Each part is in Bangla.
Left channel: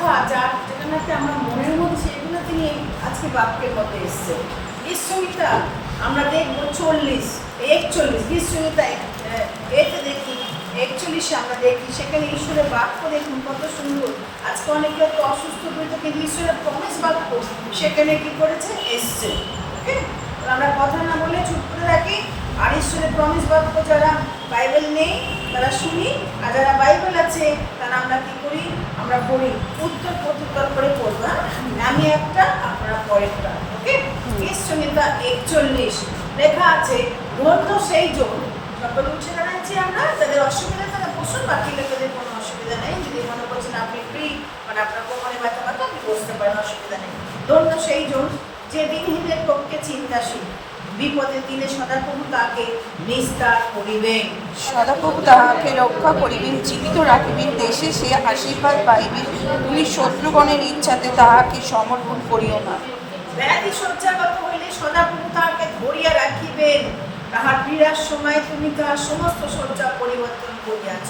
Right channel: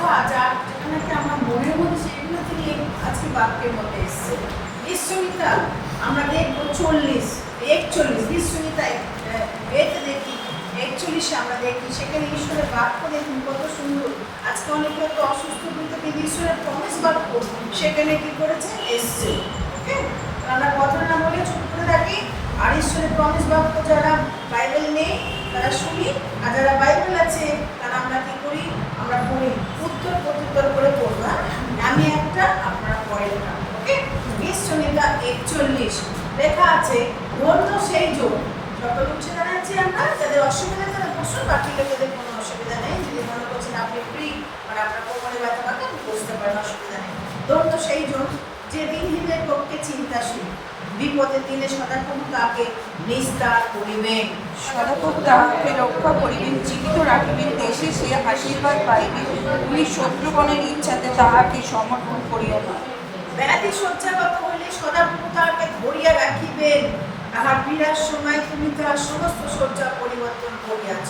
কথা যেটা নাকি আমরা মনের মধ্যে সেগুলো তিনি আজকে বাক্যের মধ্যে এসছে। ঈশ্বমিতা আমরা দেখবো 41 ঈশ্বমিতা এতে দেখি 41 আমরা দেখি, সেখানে ঈশ্বরের বাক্য দেখুন কত সুন্দর। আজকে অনেক লোক অসুস্থ হইতে কিন্তু ঈশ্বরের প্রমিস বাক্য সেখানে কি করেছে এসছে। ওকে, আমরা কথা না বলে চুপ করে থাকি, আর ঈশ্বরের প্রমিস বাক্য যারা বাইবেল নেই তারা শুনি, আর যারা বাইবেল আছে তারা আমরা কি করি, আমরা পড়ি, উত্তর করে পড়বো। আমি একটা আপনারা পরেরটা। ওকে, ঈশ্বমিতা 41 লেখা আছে, ধন্য সেই জন সকল উঠে দাঁড়াচ্ছি আমরা, যাদের অসুবিধা তারা বসুন, বাকি লোকেদের কোনো অসুবিধা নেই। যদি মনে করছেন আপনি ফ্রি, মানে আপনার কোমরে ব্যথা ব্যথা আপনি বসতে পারেন, অসুবিধা নেই। ধন্য সেই জন যে দিনহীনের পক্ষে চিন্তাশীল, বিপদের দিনে সদাপ্রভু তাকে নিস্তার করিবেন। সদাপ্রভু তাহাকে রক্ষা করিবেন, জীবিত রাখিবেন, দেশে সে আশীর্বাদ পাইবে। তুমি শত্রুগণের ইচ্ছাতে তাহাকে সমর্পণ করিও না। ব্যাধি শয্যাগত হইলে সদাপ্রভু তাহাকে ধরিয়া রাখিবেন, তাহার পীড়ার সময় তুমি তাহার সমস্ত শয্যা পরিবর্তন করিয়াছ।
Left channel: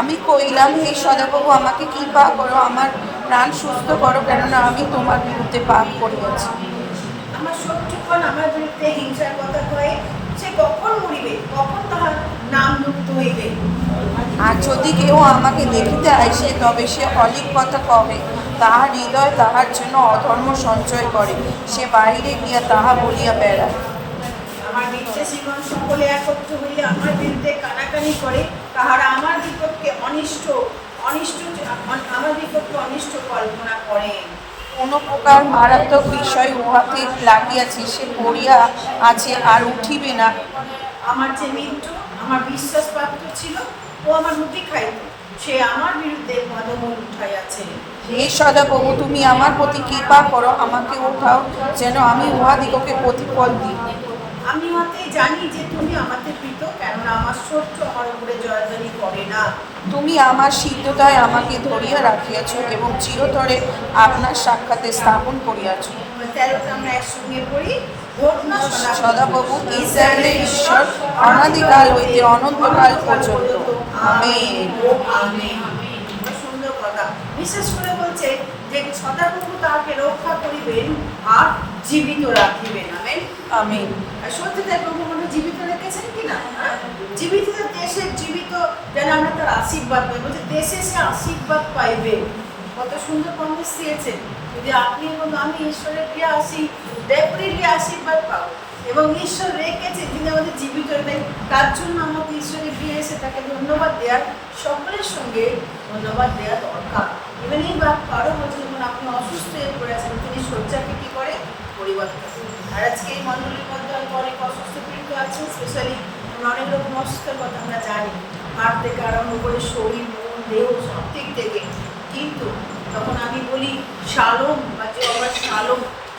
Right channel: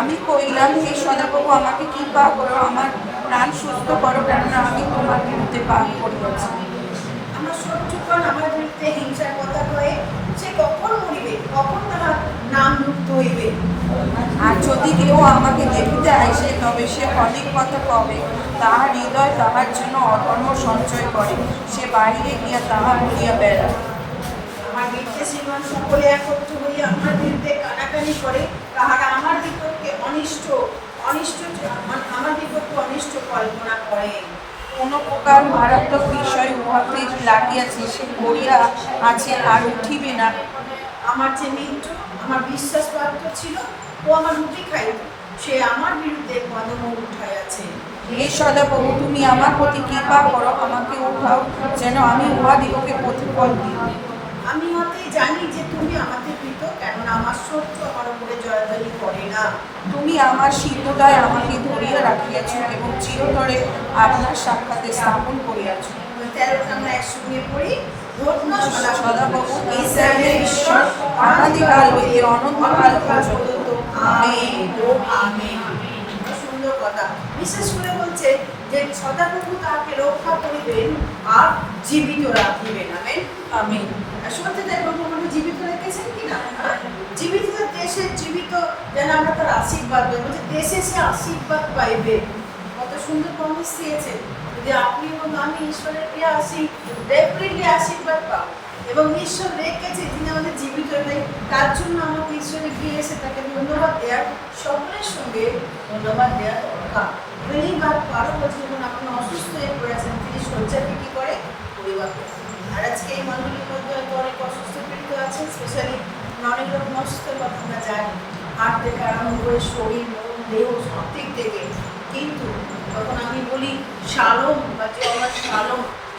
আমি কইলাম, হে সদাপ্রভু, আমাকে কৃপা করো, আমার প্রাণ সুস্থ করো, কেননা আমি তোমার বিরুদ্ধে পাপ করিয়াছি। আমার শত্রুগণ আমার বিরুদ্ধে হিংসার কথা কয়ে, সে কখন মরিবে, কখন তাহার নাম মুক্ত হইবে। আর যদি কেউ আমাকে দেখিতে আইসে, তবে সে অলিক কথা কবে, তাহার হৃদয় তাহার জন্য অধর্ম সঞ্চয় করে, সে বাহিরে গিয়া তাহা বলিয়া বেড়ায়। আমার বিরুদ্ধে শ্রীমান সকলে একত্র হইয়া আমার বিরুদ্ধে কানাকানি করে, তাহারা আমার বিপক্ষে অনিষ্ট কল্পনা করে। কোন প্রকার মারাত্মক বিষয় উহাতে লাগিয়াছে, সে পড়িয়া আছে আর উঠিবে না। আমার যে মিত্র আমার বিশ্বাসপাত্র ছিল, ও আমার রুটি খাইত, সে আমার বিরুদ্ধে ভালো মুখ উঠাইয়াছে। হে সদাপ্রভু, তুমি আমার প্রতি কৃপা করো, আমাকে উঠাও, যেন আমি উহাদিগকে প্রতিফল দিই। আমি হতেই জানি যে তুমি আমাকে প্রীত, কেননা আমার শত্রু আমার উপরে জয়ধ্বনি করে না। তুমি আমার সিদ্ধতায় আমাকে ধরিয়া রাখিয়াছ এবং চিরতরে আপনার সাক্ষাতে স্থাপন করিয়াছ। 13 আমরা একসঙ্গে পড়ি, ধন্য সদাপ্রভু ইসরায়েলের ঈশ্বর, অনাদিকাল হইতে অনন্তকাল পর্যন্ত। আমেন। আমেন। সুন্দর কথা। বিশেষ করে বলছে যে সদাপ্রভু তাহাকে রক্ষা করিবেন আর জীবিত রাখিবেন। Amen amen. সত্যি তাই প্রভু মনে জীবিত রেখেছেন কিনা? জীবিত দেশের জীবিত যেন আমরা তার আশীর্বাদ করবো, যে দেশে সে আশীর্বাদ পাইবে। কত সুন্দর প্রমিস দিয়েছেন, যদি আপনি এবং আমি ঈশ্বরের প্রিয় আসি, ডেফিনেটলি আশীর্বাদ পাবো। এবং ঈশ্বর রেখেছে যিনি আমাদের জীবিত নেই, তার জন্য আমাকে ঈশ্বরের প্রিয় এসে তাকে ধন্যবাদ দেওয়ার, সকলের সঙ্গে ধন্যবাদ দেওয়ার দরকার। এবং এই বাক্য আরও বলছে, যখন আপনি অসুস্থ হয়ে পড়েছেন, তিনি শয্যাকে কী করে পরিবর্তন। আর আজকে এই মণ্ডলীর মধ্যে অনেক অসুস্থ পীড়িত আছে, স্পেশালি অনেক লোক অসুস্থের কথা আমরা জানি, হাত থেকে আরম্ভ করে শরীর, মন, দেহ সব দিক থেকে। কিন্তু তখন আমি বলি শালোম, বা যে আমার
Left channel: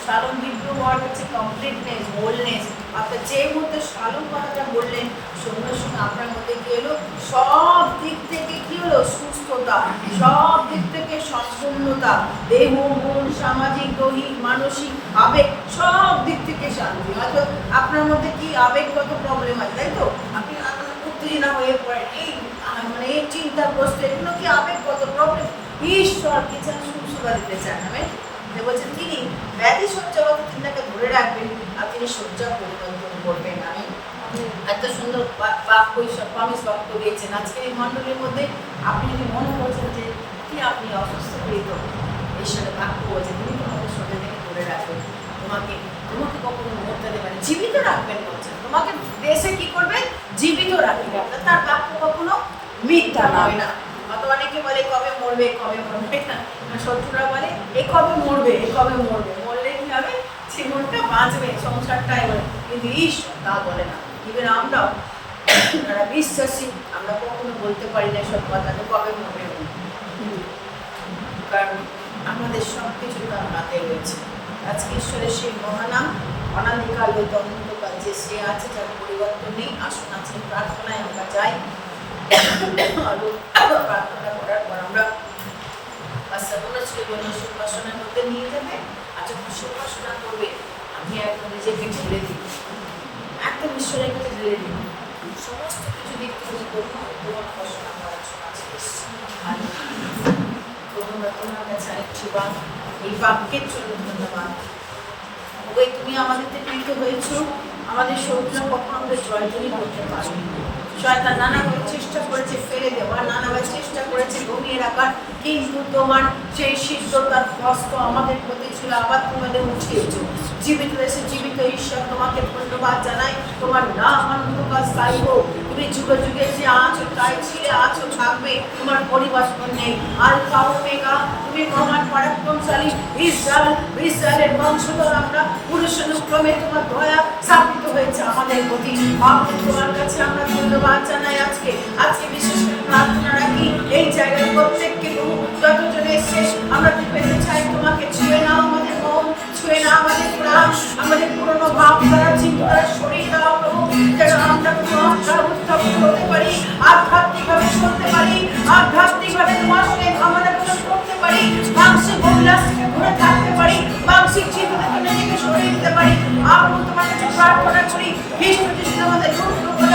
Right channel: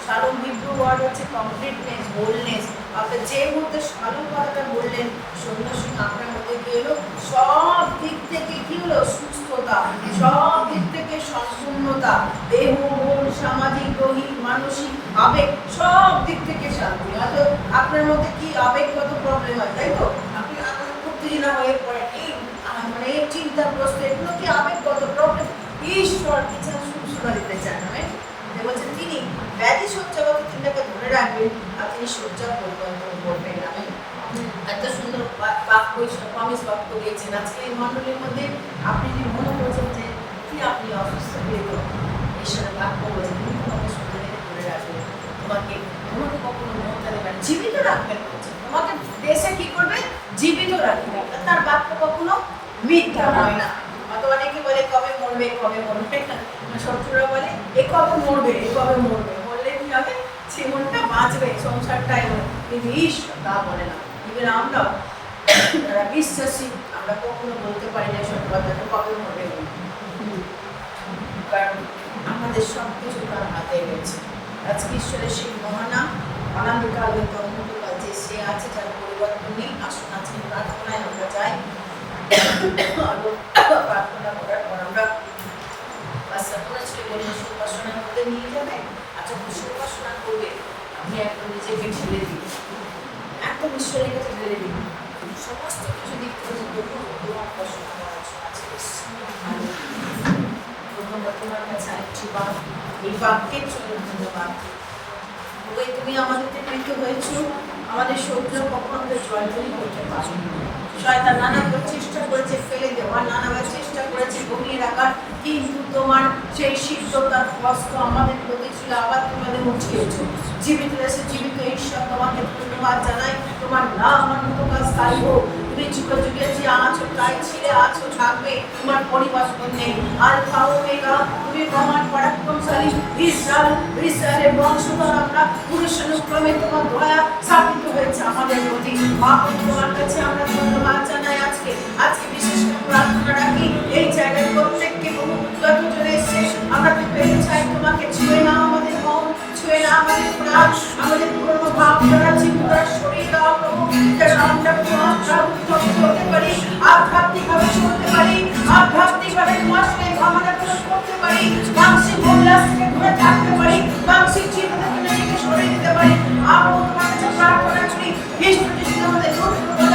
শালোম হিব্রু ওয়ার্ড হচ্ছে কমপ্লিটনেস, হোলনেস। আপনার যে মুহূর্তে শালোম কথাটা বললেন, সঙ্গে সঙ্গে আপনার মধ্যে কী হলো, সব দিক থেকে কী হলো, সুস্থতা, সব দিক থেকে সম্পূর্ণতা, দেহ, মন, সামাজিক, দৈহিক, মানসিক, আবেগ, সব দিক থেকে শান্তি। হয়তো আপনার মধ্যে কি আবেগগত প্রবলেম আছে, তাই তো? আপনি উত্তেজনা হয়ে পড়েন, মানে এই চিন্তাগ্রস্ত, এগুলো কি আবেগগত প্রবলেম? ঈশ্বর কি চান, সুস্থতা দিতে চান। বলছেন তিনি ব্যাধি শয্যাগত চিন্তাকে ধরে রাখবেন, আর তিনি শয্যা পরিবর্তন করবেন। এত সুন্দর বাক্য, প্রমিস বাক্য দিয়েছেন। আজকে এই মণ্ডলীর মধ্যে আপনি যদি মনে করছেন যে কি আপনি অসুস্থ পেত, ঈশ্বরের বাক্য বলছেন তিনি তোমাকে শয্যা থেকে ধরে রাখবেন, তোমাকে কখনো মরতে দেবেন, জীবিত রাখবেন। বলছেন তোমাকে দেশে কি করবেন, জীবিত রাখবেন। তার বাক্য কখনো মিথ্যা হয় না। হয়তো অনেকে বলে কবে মরবে, না, শত্রুরা বলে এ কবে মরবে, মরলে কি হবে, জীবনটা বাঁচবে, সংসারটাই বলে। কিন্তু ঈশ্বর তা বলে না। কিন্তু আমরাও যারা বিশ্বাসী, আমরা কখনো বলতে পারি না সব কথাটা কবে মরবে, কারণ আমাদের সব কিছু তার হাতে রয়েছে। আজকে ঈশ্বরের সেই মহানাম, অনাদিকাল হইতে অনন্তকাল যে সে আছে, যার পরিবর্তন নেই। আসুন আজকে প্রার্থনায় আমরা যাই। প্রার্থনা করার পর আমরা সুবাসনের মধ্যে নিয়ে যাবে। আচ্ছা, সুবাসনা করবে, আপনি একদম নিজেকে ঢেলে দিন, একদম ঈশ্বরের কাছে ঢেলে দিন, সমস্ত কিছু দিক থেকে তোমার কাছে আশীর্বাদ, এই বাক্যের জন্য ধন্যবাদ। ওই তুমি আমাদেরকে প্রীত হয়েছ, আমাদের শত্রুরা কখনো আমাদের জয়জনী করতে পারেনি। শয়তান নানাভাবে চেষ্টা করেছে ফেলে দেওয়ার, নানাভাবে চেষ্টা করেছে ঘুমিয়ে রাখার, কিন্তু তোমার সেই সিদ্ধতার কষ্ট আমাদের প্রতি ছিল, আবার তোমাদের উঠিয়েছো। জীবিত এসে জীবিত ঈশ্বর, তোমাকে ধন্যবাদ জানাই। তোমার নাম ধন্যবাদ স্থায়ী হোক। তুমি যুগে যুগে যে আছো, তাই ছিলে আছো, থাকবে, তোমার পরিবর্তন নেই। আলফা ওমেগা, তুমি মহান পরাক্রমশালী ইসরায়েলের বংশধর আমরা, পুরুষানুক্রমে তোমার দয়া স্থাপিত হয়েছে আমাদের প্রতি। তোমার কাছে আমরা ধন্যবাদ জানাই। আজকে বিশেষ করে প্রার্থনা রাখি এই জায়গায় প্রত্যেককে যতজন এসে আমরা পেতে চাই, তোমাকে ছুঁয়ে নাও আমাদের মন, ছুঁয়ে নাও আমাদের প্রাণ, আমাদের পুরনো ভাবধারা চিন্তারা সরিয়ে দাও প্রভু, যেন আমরা উত্থপ্ত হতে পারি, আধ্যাত্মিকভাবে চলতে পারি, আধ্যাত্মিকভাবে তোমার সঙ্গে ভাবনাগুলো করতে পারি, মানসিক অভিলাষ থেকে দূরে থাকতে পারি, মানসিক চিন্তা থেকে সরিয়ে দিতে পারি। আমরা তোমার কাছে প্রার্থনা করি, খ্রিস্ট যদি আমাদের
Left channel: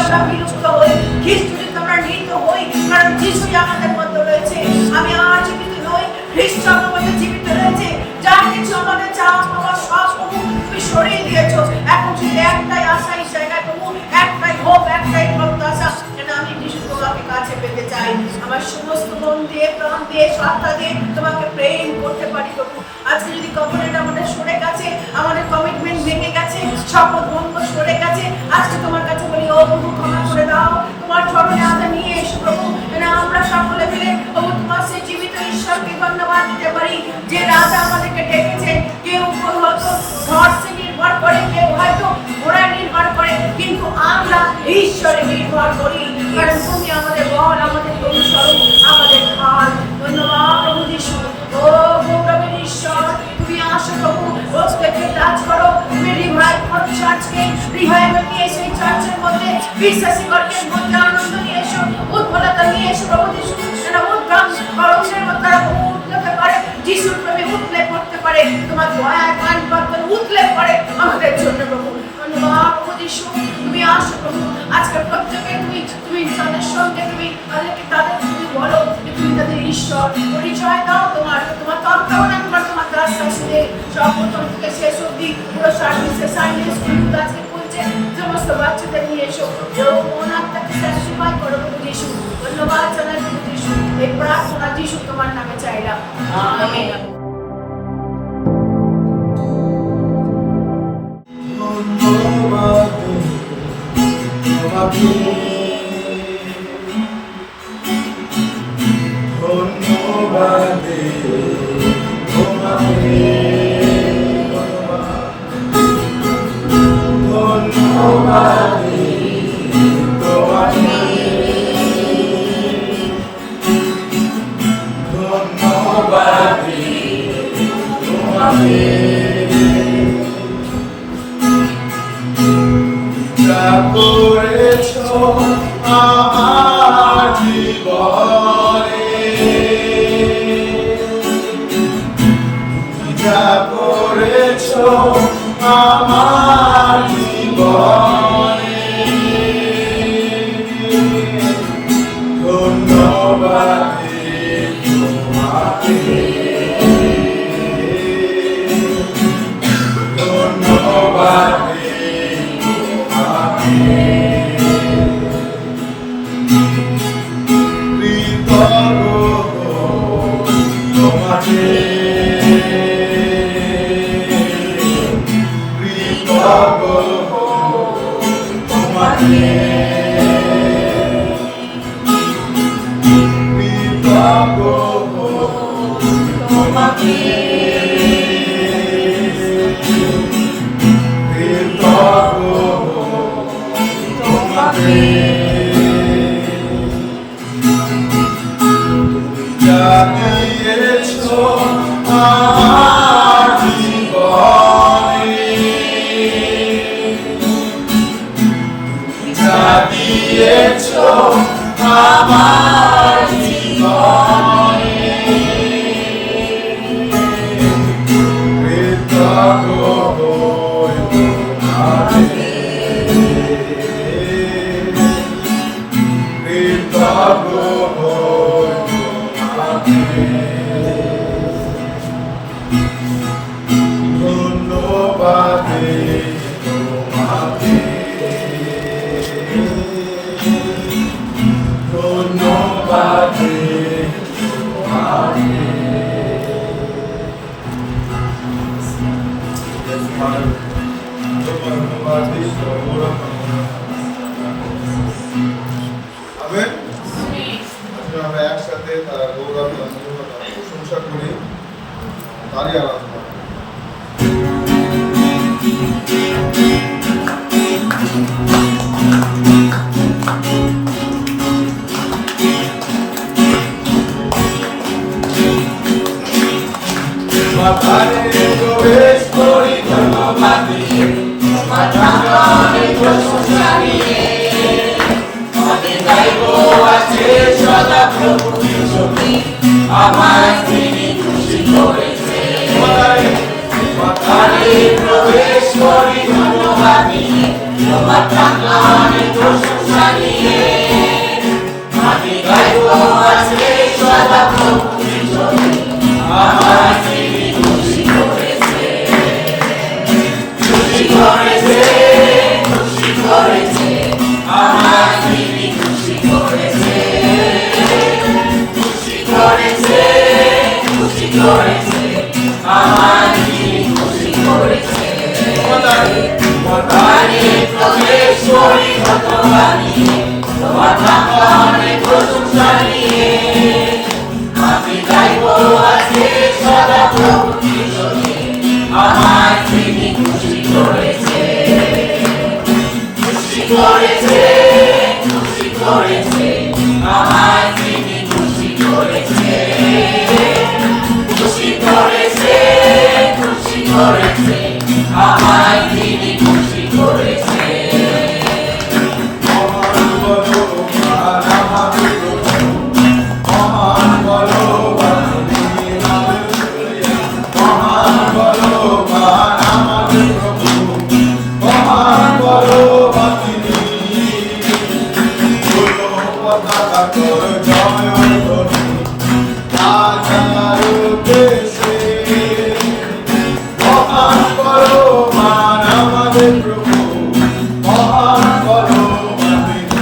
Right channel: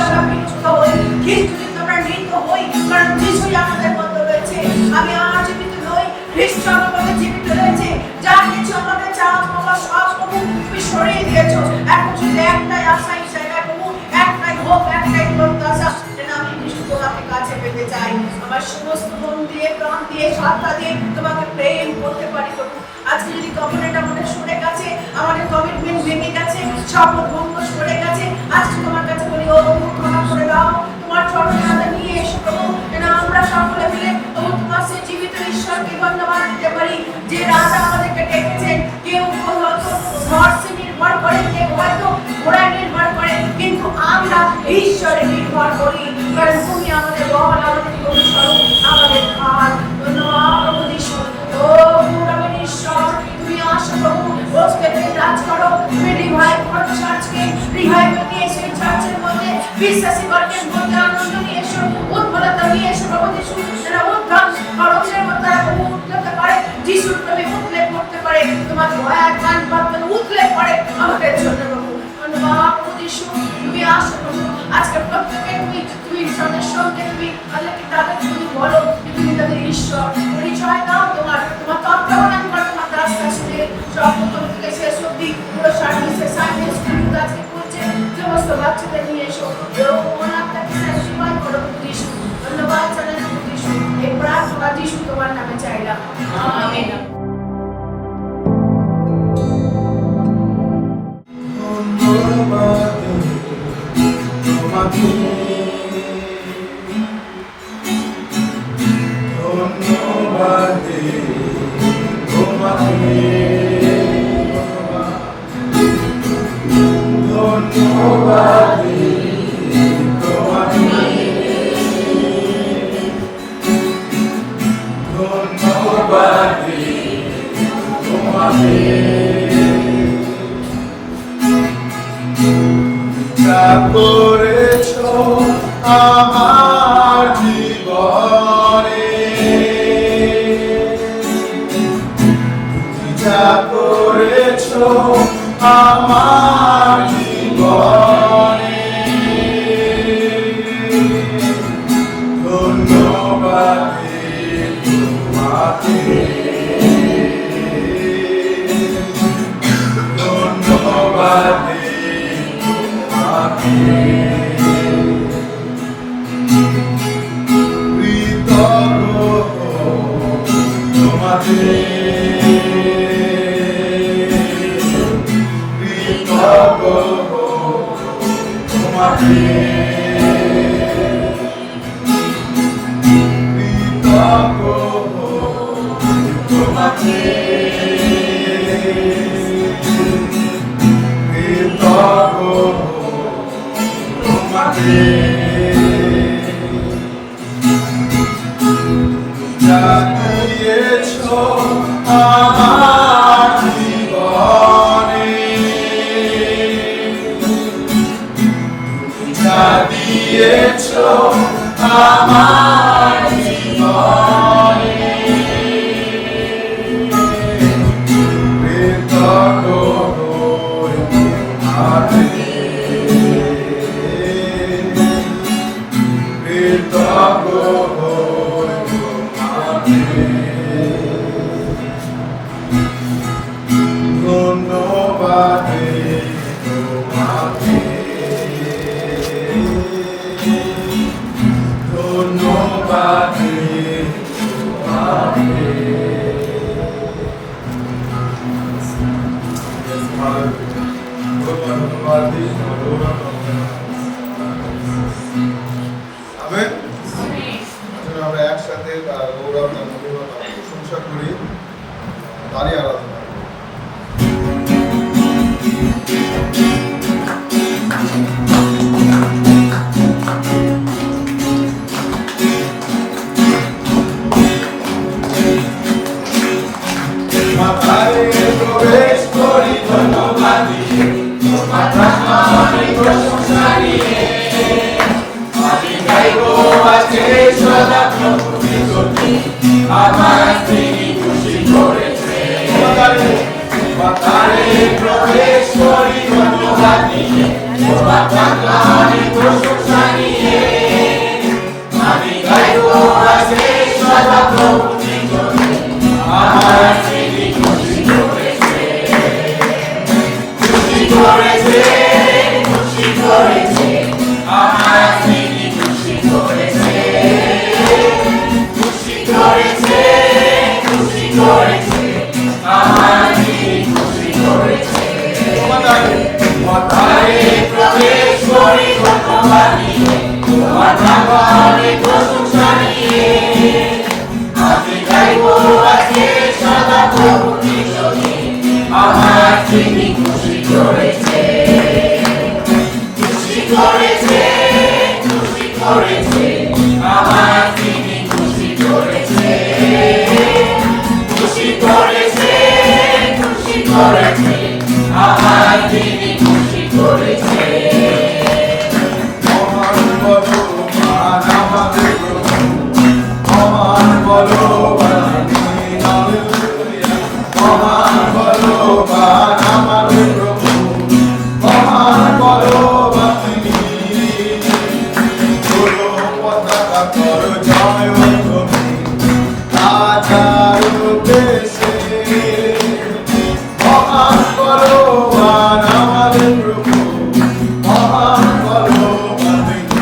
আমরা বিরক্ত হই, খ্রিস্ট যদি আমরা নিহিত হই, কারণ খ্রিস্টই আমাদের মধ্যে রয়েছে। আমি আর জীবিত নই, খ্রিস্ট আমার মধ্যে জীবিত রয়েছে। যা কিছু আমাদের চাওয়া পাওয়া সব প্রভু তুমি সরিয়ে দিয়েছো। এখন শুধু একটাই আশা এই জায়গায় প্রভু, একটাই হোপ, একটাই প্রত্যাশা, যেন আমি বিষ্ণু তোমাকে কাছে পেতে চাই। আমার সমস্ত মন দিয়ে, প্রাণ দিয়ে, সত্তা দিয়ে তোমাকে প্রেম করতে পারি প্রভু। আজকে যদি কমিটমেন্ট আমাদের সরে গেছে, আমাদের কমিটমেন্ট ভেঙে গেছে, শপথ ভঙ্গ সরে গেছে, আজকে তোমার কাছে বলি ও প্রভু ক্ষমা করে দাও। তোমার চরণে আমাদের নিয়ে এসো প্রভু, যেন আমরা সকলে মিলে প্রভু তোমার সেই জীবিত ঈশ্বরকে ধন্যবাদ দিতে পারি, যে রাজা আমাদেরকে ডেকেছেন। কেউ হয়তো হর্ষে নির্ভর করে, কেউ হয়তো ঘোড়ায় নির্ভর করে, কিন্তু আমরা ঈশ্বরে নির্ভর করি, কারণ তুমি আমাদের বল, আমাদের অনুসরণ, আমাদের খাল। ধন্যবাদ প্রভু যিশু। ও গৌরব ঈশ্বর, তুমি আসো প্রভু, প্রত্যেককে রাজ করো, তুমি রিভাইভ করো চার্চকে, রিভাইভ নিয়ে এসে চার্চের মধ্যে বিশ্বাসী বর্গের মধ্যে আনন্দ নিয়ে এসো, উদ্ভলতা নিয়ে এসো প্রভু যিশু, যেন উদ্ধার করণের মধ্যে উদ্ভলতা করে, যিশুর প্রেমে উঠলে পড়তে পারে, তোমার দয়া গান বাক্যে উঠলে পড়ে আমাদের জন্য প্রভু। ধন্যবাদ প্রভু যিশু, তুমি আসো প্রভু। আজকে প্রত্যেকে তুমি তাদের সঙ্গে তুমি তাদেরকে তুমি বলো যে তুমি তাদের ঈশ্বর, পরিচয় দাও তোমার তন্ত্রণা, তোমার রাস্তা শুনে সর্বত থেকে শেষ অব্দি পুরো সার্ভিসে সাইলেন্স আছে বলছে, সমস্ত বাচ্চাদের নিয়ে এসো, আত্মাকে স্যাটিসফাই করো প্রভু যিশু। ধন্যবাদ জানাই প্রভু যিশু, এই প্রার্থনা যিশু তোমার নামে চাইলাম, আমেন। করেছো আমার জীবনে, যা করেছো আমার জীবনে, ধন্যবাদ তোমাকে, ধন্যবাদ কৃতজ্ঞ তোমাকে, কৃতজ্ঞ তোমাকে, কৃতজ্ঞ তোমাকে, কৃতজ্ঞ তোমাকে, যা দিয়েছো আমার জীবনে, যা দিয়েছো আমার জীবনে, ধন্যবাদ তোমাকে, ধন্যবাদ তোমাকে। ধন্যবাদ দিই, গৌরব। আমেন। আসলে আমরা একসাথে তার গৌরব নাম প্রশংসা করি, তারই আরাধনা। মাথায় প্রবেশ করি ধন্যবাদ দিয়ে, মাথায় প্রশংসা নিয়ে, আমি গাইব আছে সদা প্রভুর স্তোত্র, আমার তিনি খুশি করেছে। মাথায় প্রবেশ করি ধন্যবাদ দিয়ে, মাথায় প্রশংসা নিয়ে, আমি গাইব আছে সদা প্রভুর স্তোত্র, আমার তিনি খুশি করেছে, খুশি করেছে, খুশি করেছে, আমার তিনি খুশি করেছে, খুশি করেছে, খুশি করেছে, আমার তিনি খুশি করেছে। মাথায় প্রবেশ করি ধন্যবাদ নিয়ে, তোমার নামে প্রশংসা নিয়ে, আমি গাইব আজকে সদা প্রভুর স্তোত্র, আমার তিনি খুশি করেছে, খুশি করেছে, খুশি করেছে, আমার তিনি খুশি করেছে, খুশি করেছে, খুশি করেছে, আমার তিনি খুশি করেছে। মহান বলো মহান আমাদের প্রভু, মহান বলো মহান বলো মহান আমাদের প্রভু, মহান বলো তিনি, বলো পতাকা কর জয় ধ্বনি রাজার উদ্দেশ্যে, মহান বলো মহান আমাদের প্রভু, মহান বলো তিনি।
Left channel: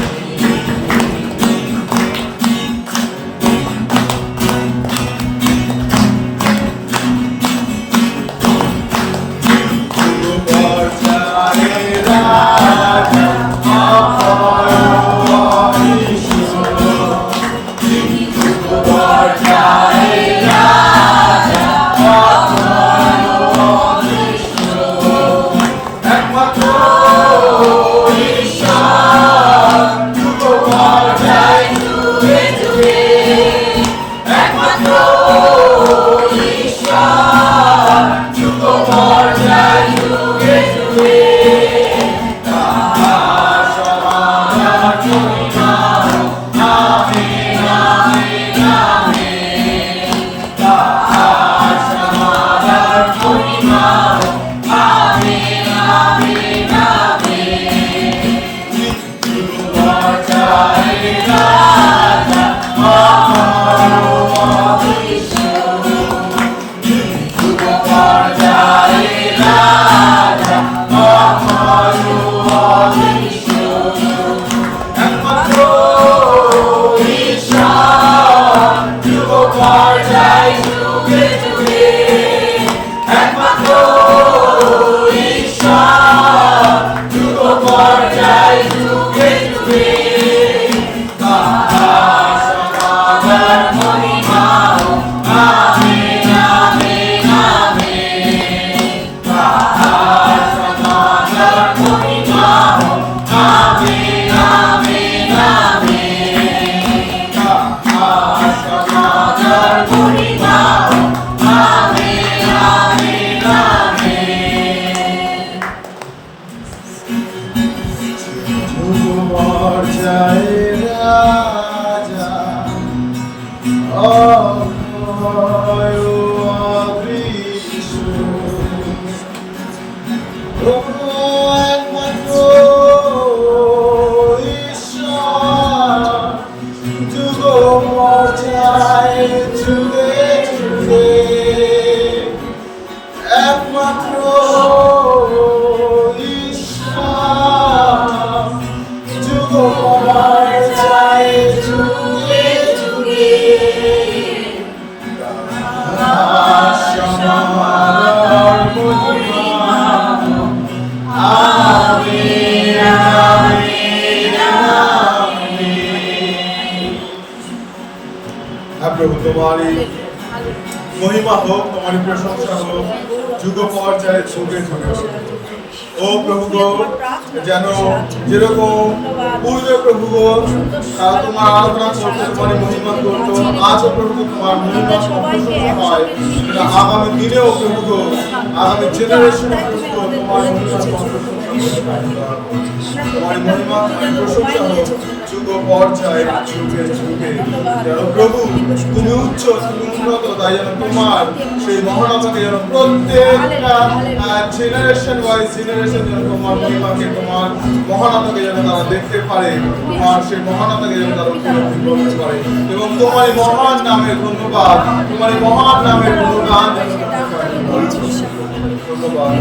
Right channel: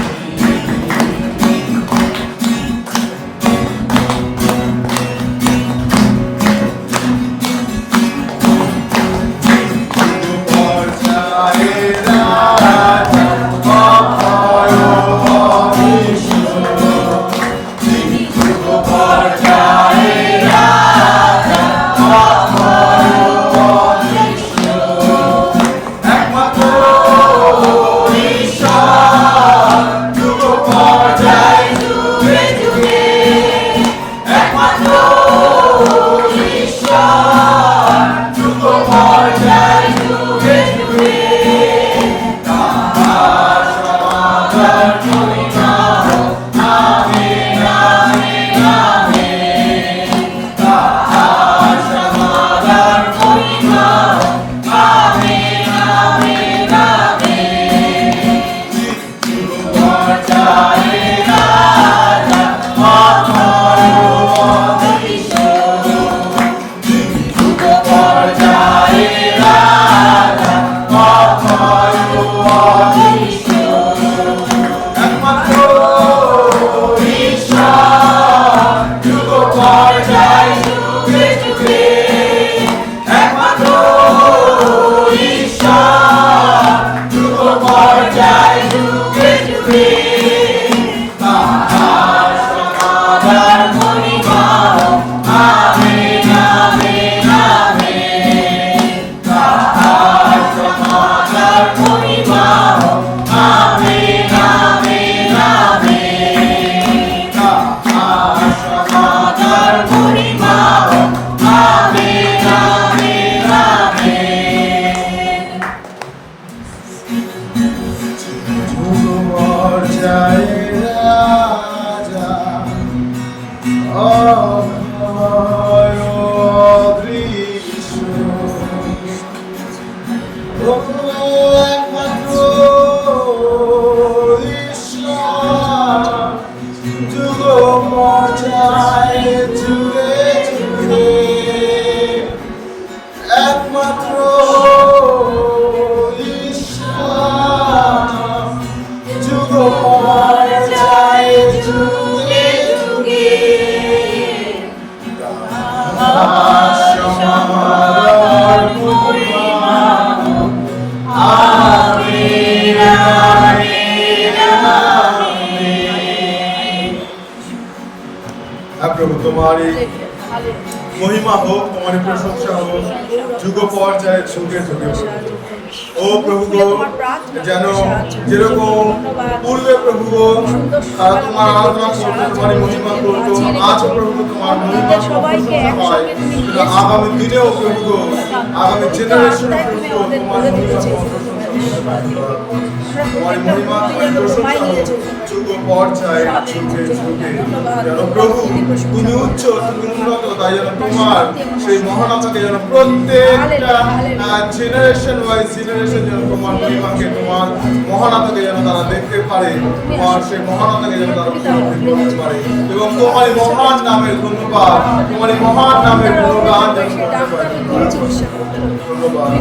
তোমার প্রশংসা হোক যুগ পর্যায়ে যুগে যুগে। ও প্রভু গো, যেন যেরকম পূর্বে প্রভু গো তোমার আরাধনা করতো, তোমার মহিমা করতো, আজও প্রভু গো তোমার মহিমা প্রশংসা হয়, যেন আগামী দিনেও প্রভু গো, আগামী জেনারেশনে প্রভু গো তোমার মহিমা প্রশংসা তোমার মহিমা প্রশংসা হোক যুগ পর্যায়ে যুগে যুগে। যেন প্রভু তুমি উচ্চ, তুমি উন্নত, তাই যেন তোমার সেই মহানতাকে যেন প্রত্যেকটা জেনারেশন ওয়াইজ জেনারেশন যেন তোমার মহিমাকে, তোমার মহানতাকে যেন তারা দেখতে পারে, তোমার সেই মহানতাকে যেন তারা উপলব্ধি করতে পারে, এবং তোমার এই মহান নামের ধন্যবাদ, তোমার এই মহান নামের গুণগান যেন করতে পারে। তোমার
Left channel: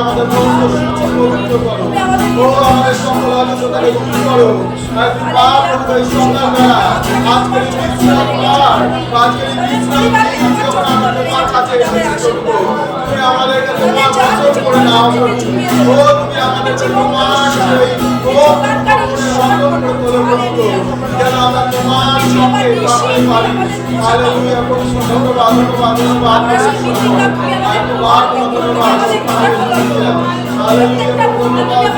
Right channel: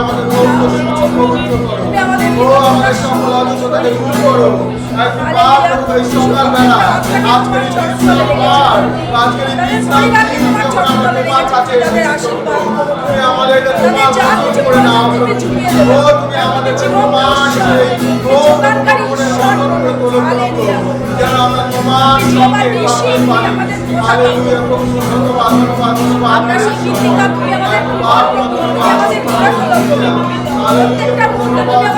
আমাদের পবিত্র করো। ও আমাদের সকল অযোগ্যতাকে দূর করো। আর তুমি পাপ প্রভু এই সন্ধ্যাবেলা আজকের এই বিশ্রাম পার, আজকের এই বিশ্রাম দিন যখন আমরা তোমার কাছে এসেছি প্রভু, তুমি আমাদেরকে তোমার বচন করে নাও প্রভু। ও তুমি আমাদেরকে তোমার সেই ও মনের মতন করে তোলো প্রভু, যেন আমরা তোমার সঙ্গে থাকতে পারি। হালেলুয়া প্রভু, ধন্যবাদ ধন্যবাদ ধন্যবাদ ধন্যবাদ ধন্যবাদ। হালেলুয়া ধন্যবাদ।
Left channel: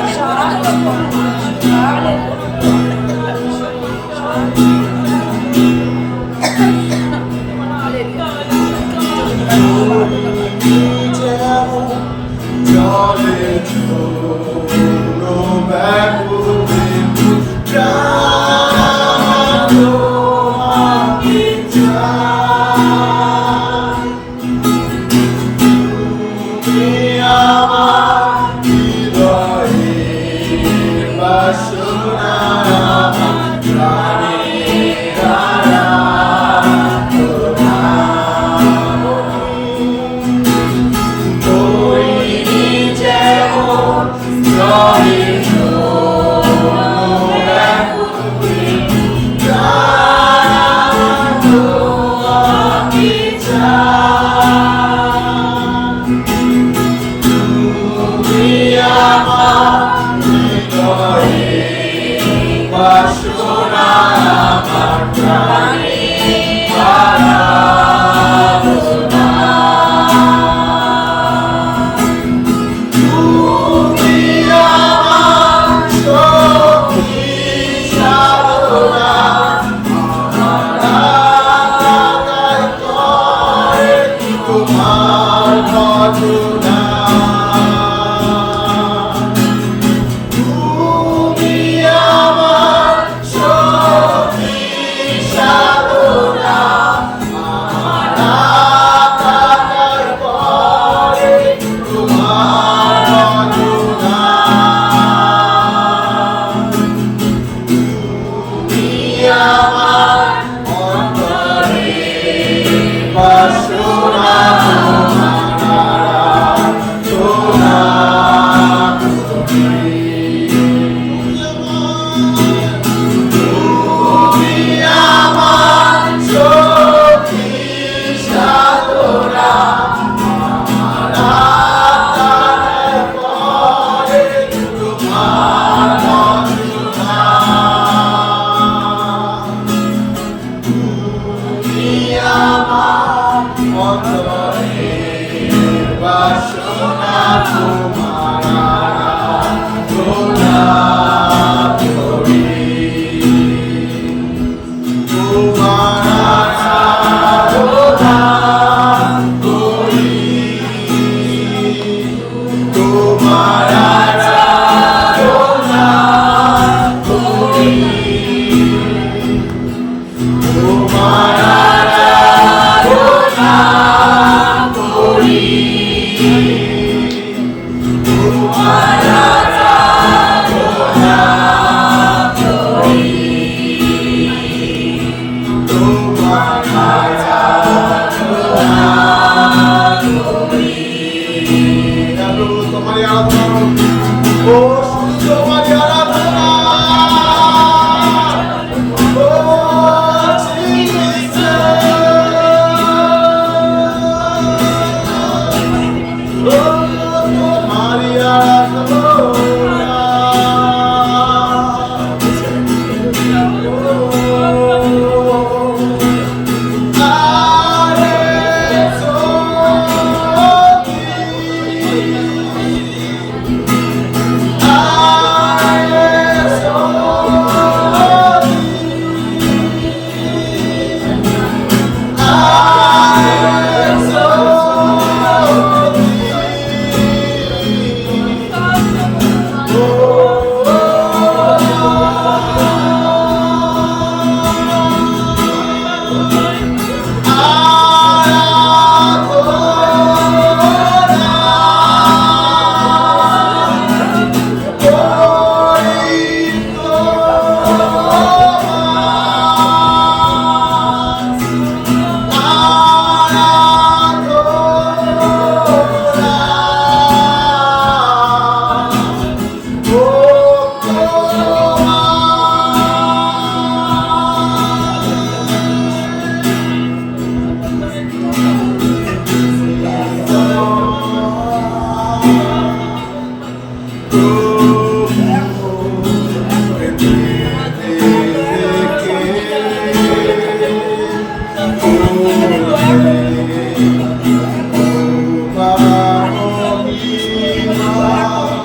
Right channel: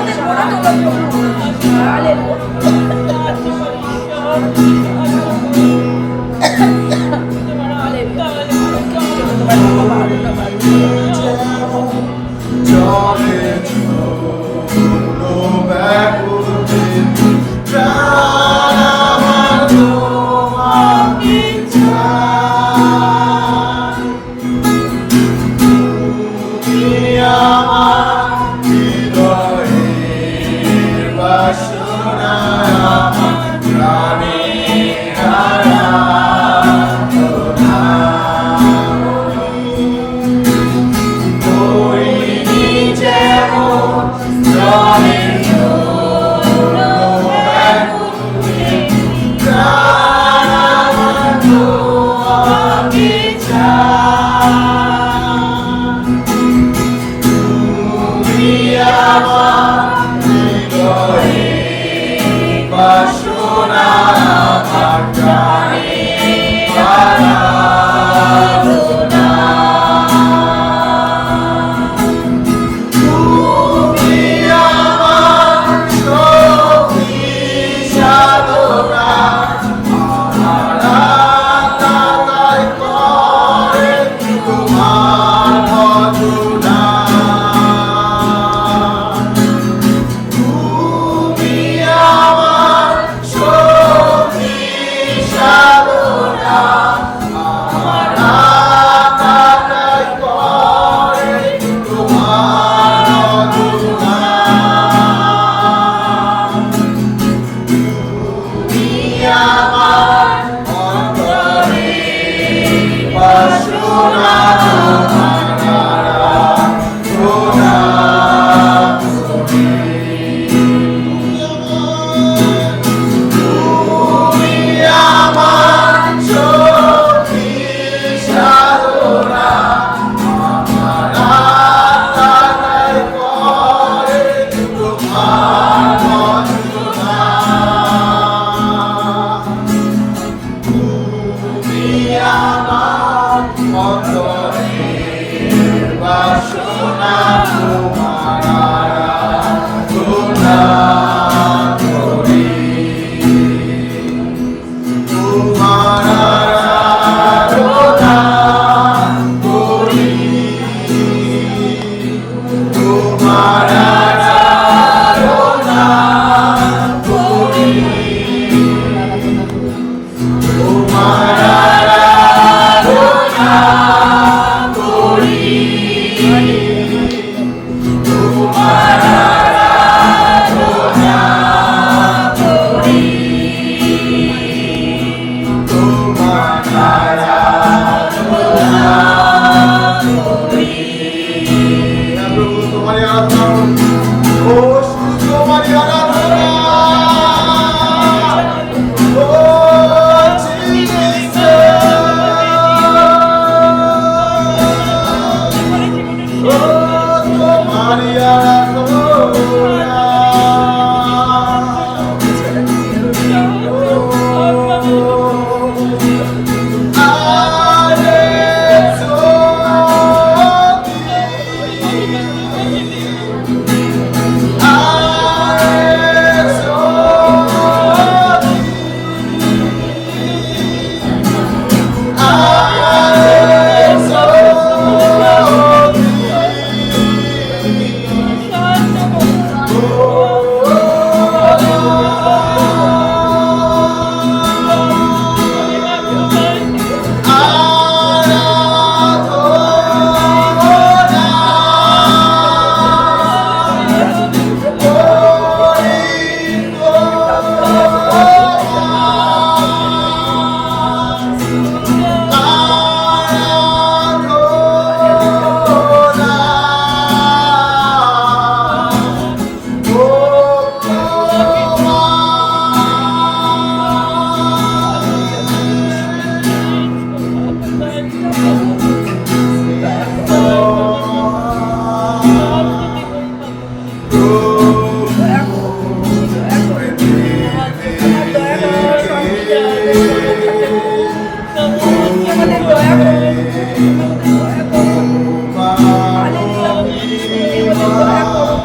দয়া করো।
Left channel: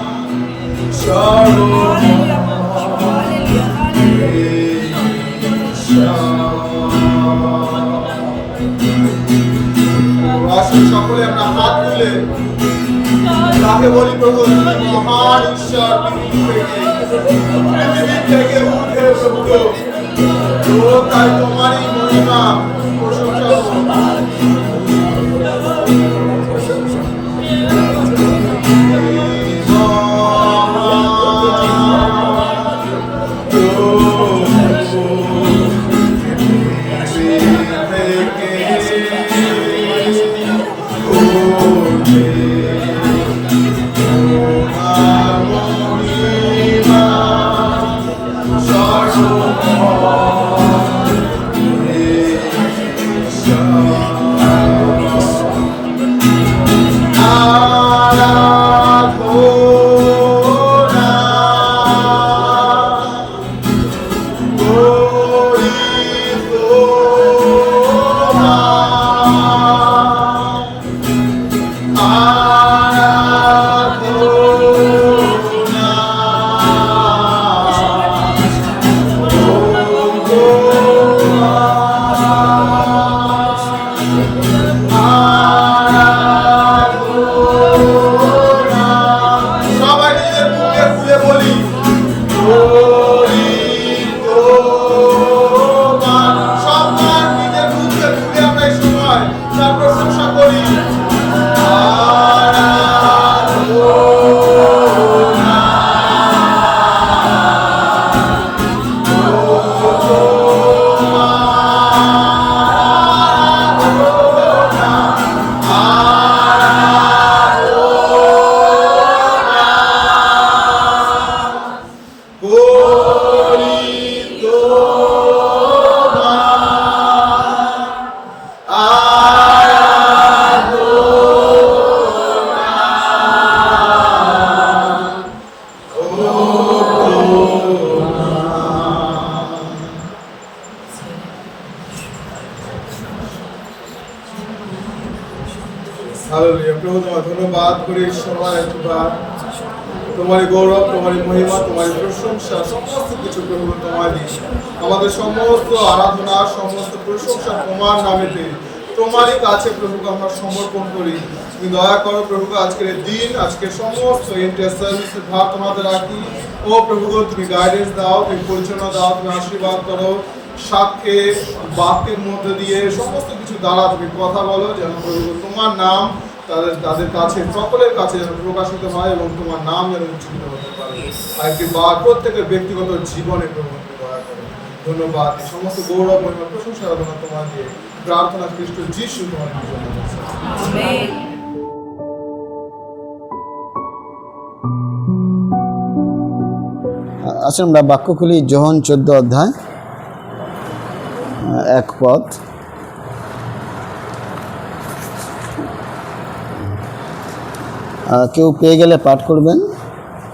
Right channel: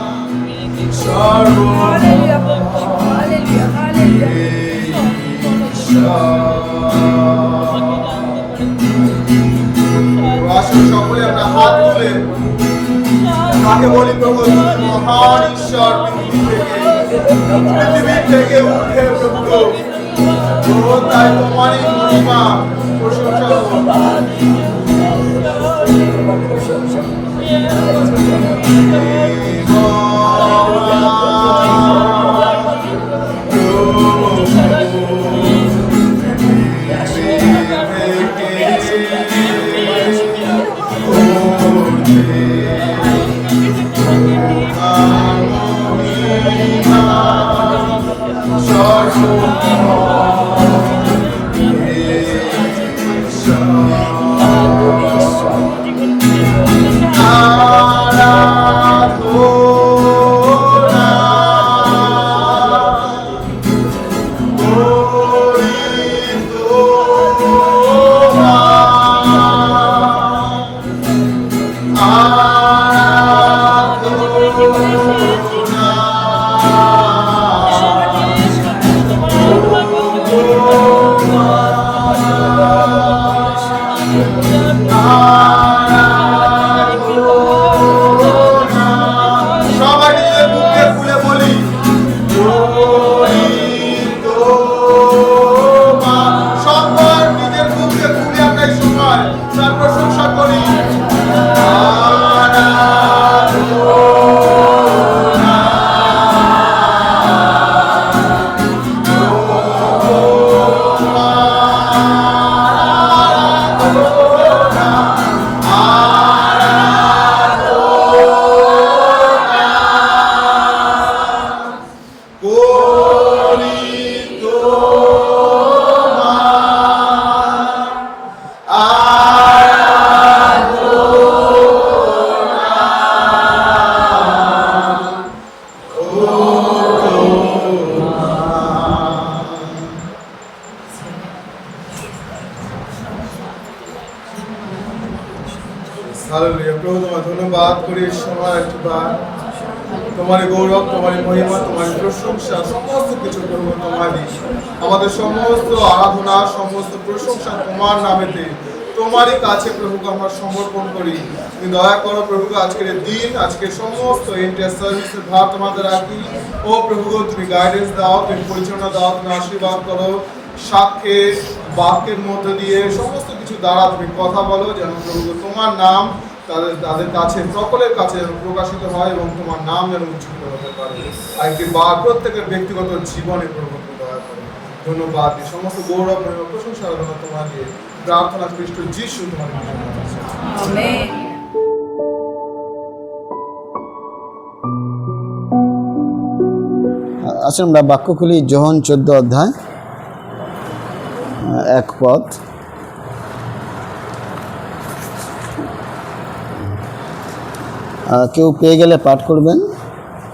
সর্ব হালেলুয়া প্রভু যীশু, হালেলুয়া, হালেলুয়া। আসুন সকলে আমরা হাত তুলে তাকে বলি, প্রভু তুমি মহান ঈশ্বর, পৃথিবী থেকে উঠে প্রভু গো, তো তাই তোমারই মহিমা প্রশংসা হোক। হালেলুয়া। প্রভু তোমার ধন্যবাদ করি সময় একবার তোমারই গৌরব, তোমারই মহিমা, তোমারই প্রশংসা, সমস্ত কিছু প্রভু তোমার দিই। আমাদের সমস্ত আরাধনা, সমস্ত প্রশংসা তোমার নামেতে, তোমারই কাছে প্রভুকে আমরা সমর্পণ করি। তুমি দয়া করো প্রভু, আজকের দিন, আজকের সমস্ত ইন্টার সার্ভিসের ভার তোমাদের রাখি। ও প্রভু তুমি গাইডেন্স দাও, তুমি পরিচালনা দাও, তুমি আশীর্বাদ করো। সাক্ষ্যের বাক্যের মধ্যে দিয়ে সমস্ত কিছু দ্বারা তুমি কথা বলো, যেন প্রভু তোমার নাম তাদের কাছে, সকলের কাছে যেন প্রকাশিত হয় এবং তোমার নাম যেন উজ্জ্বলিত হতে পারে। আরেকটি বার প্রত্যেকের ব্যক্তিগত জীবনে প্রমাণ দয়া করে। ধন্যবাদ। সমস্ত গৌরব, মহিমা, প্রশংসা আরাধনা তোমার দিয়ে প্রার্থনা খ্রিস্ট যিশু তোমার জন্য। আমেন। আসলে আমরা বাক্য খুলি যোহন 14 অধ্যায় 1 পদ। কেউ পেয়ে গেলে পাঠ করবেন।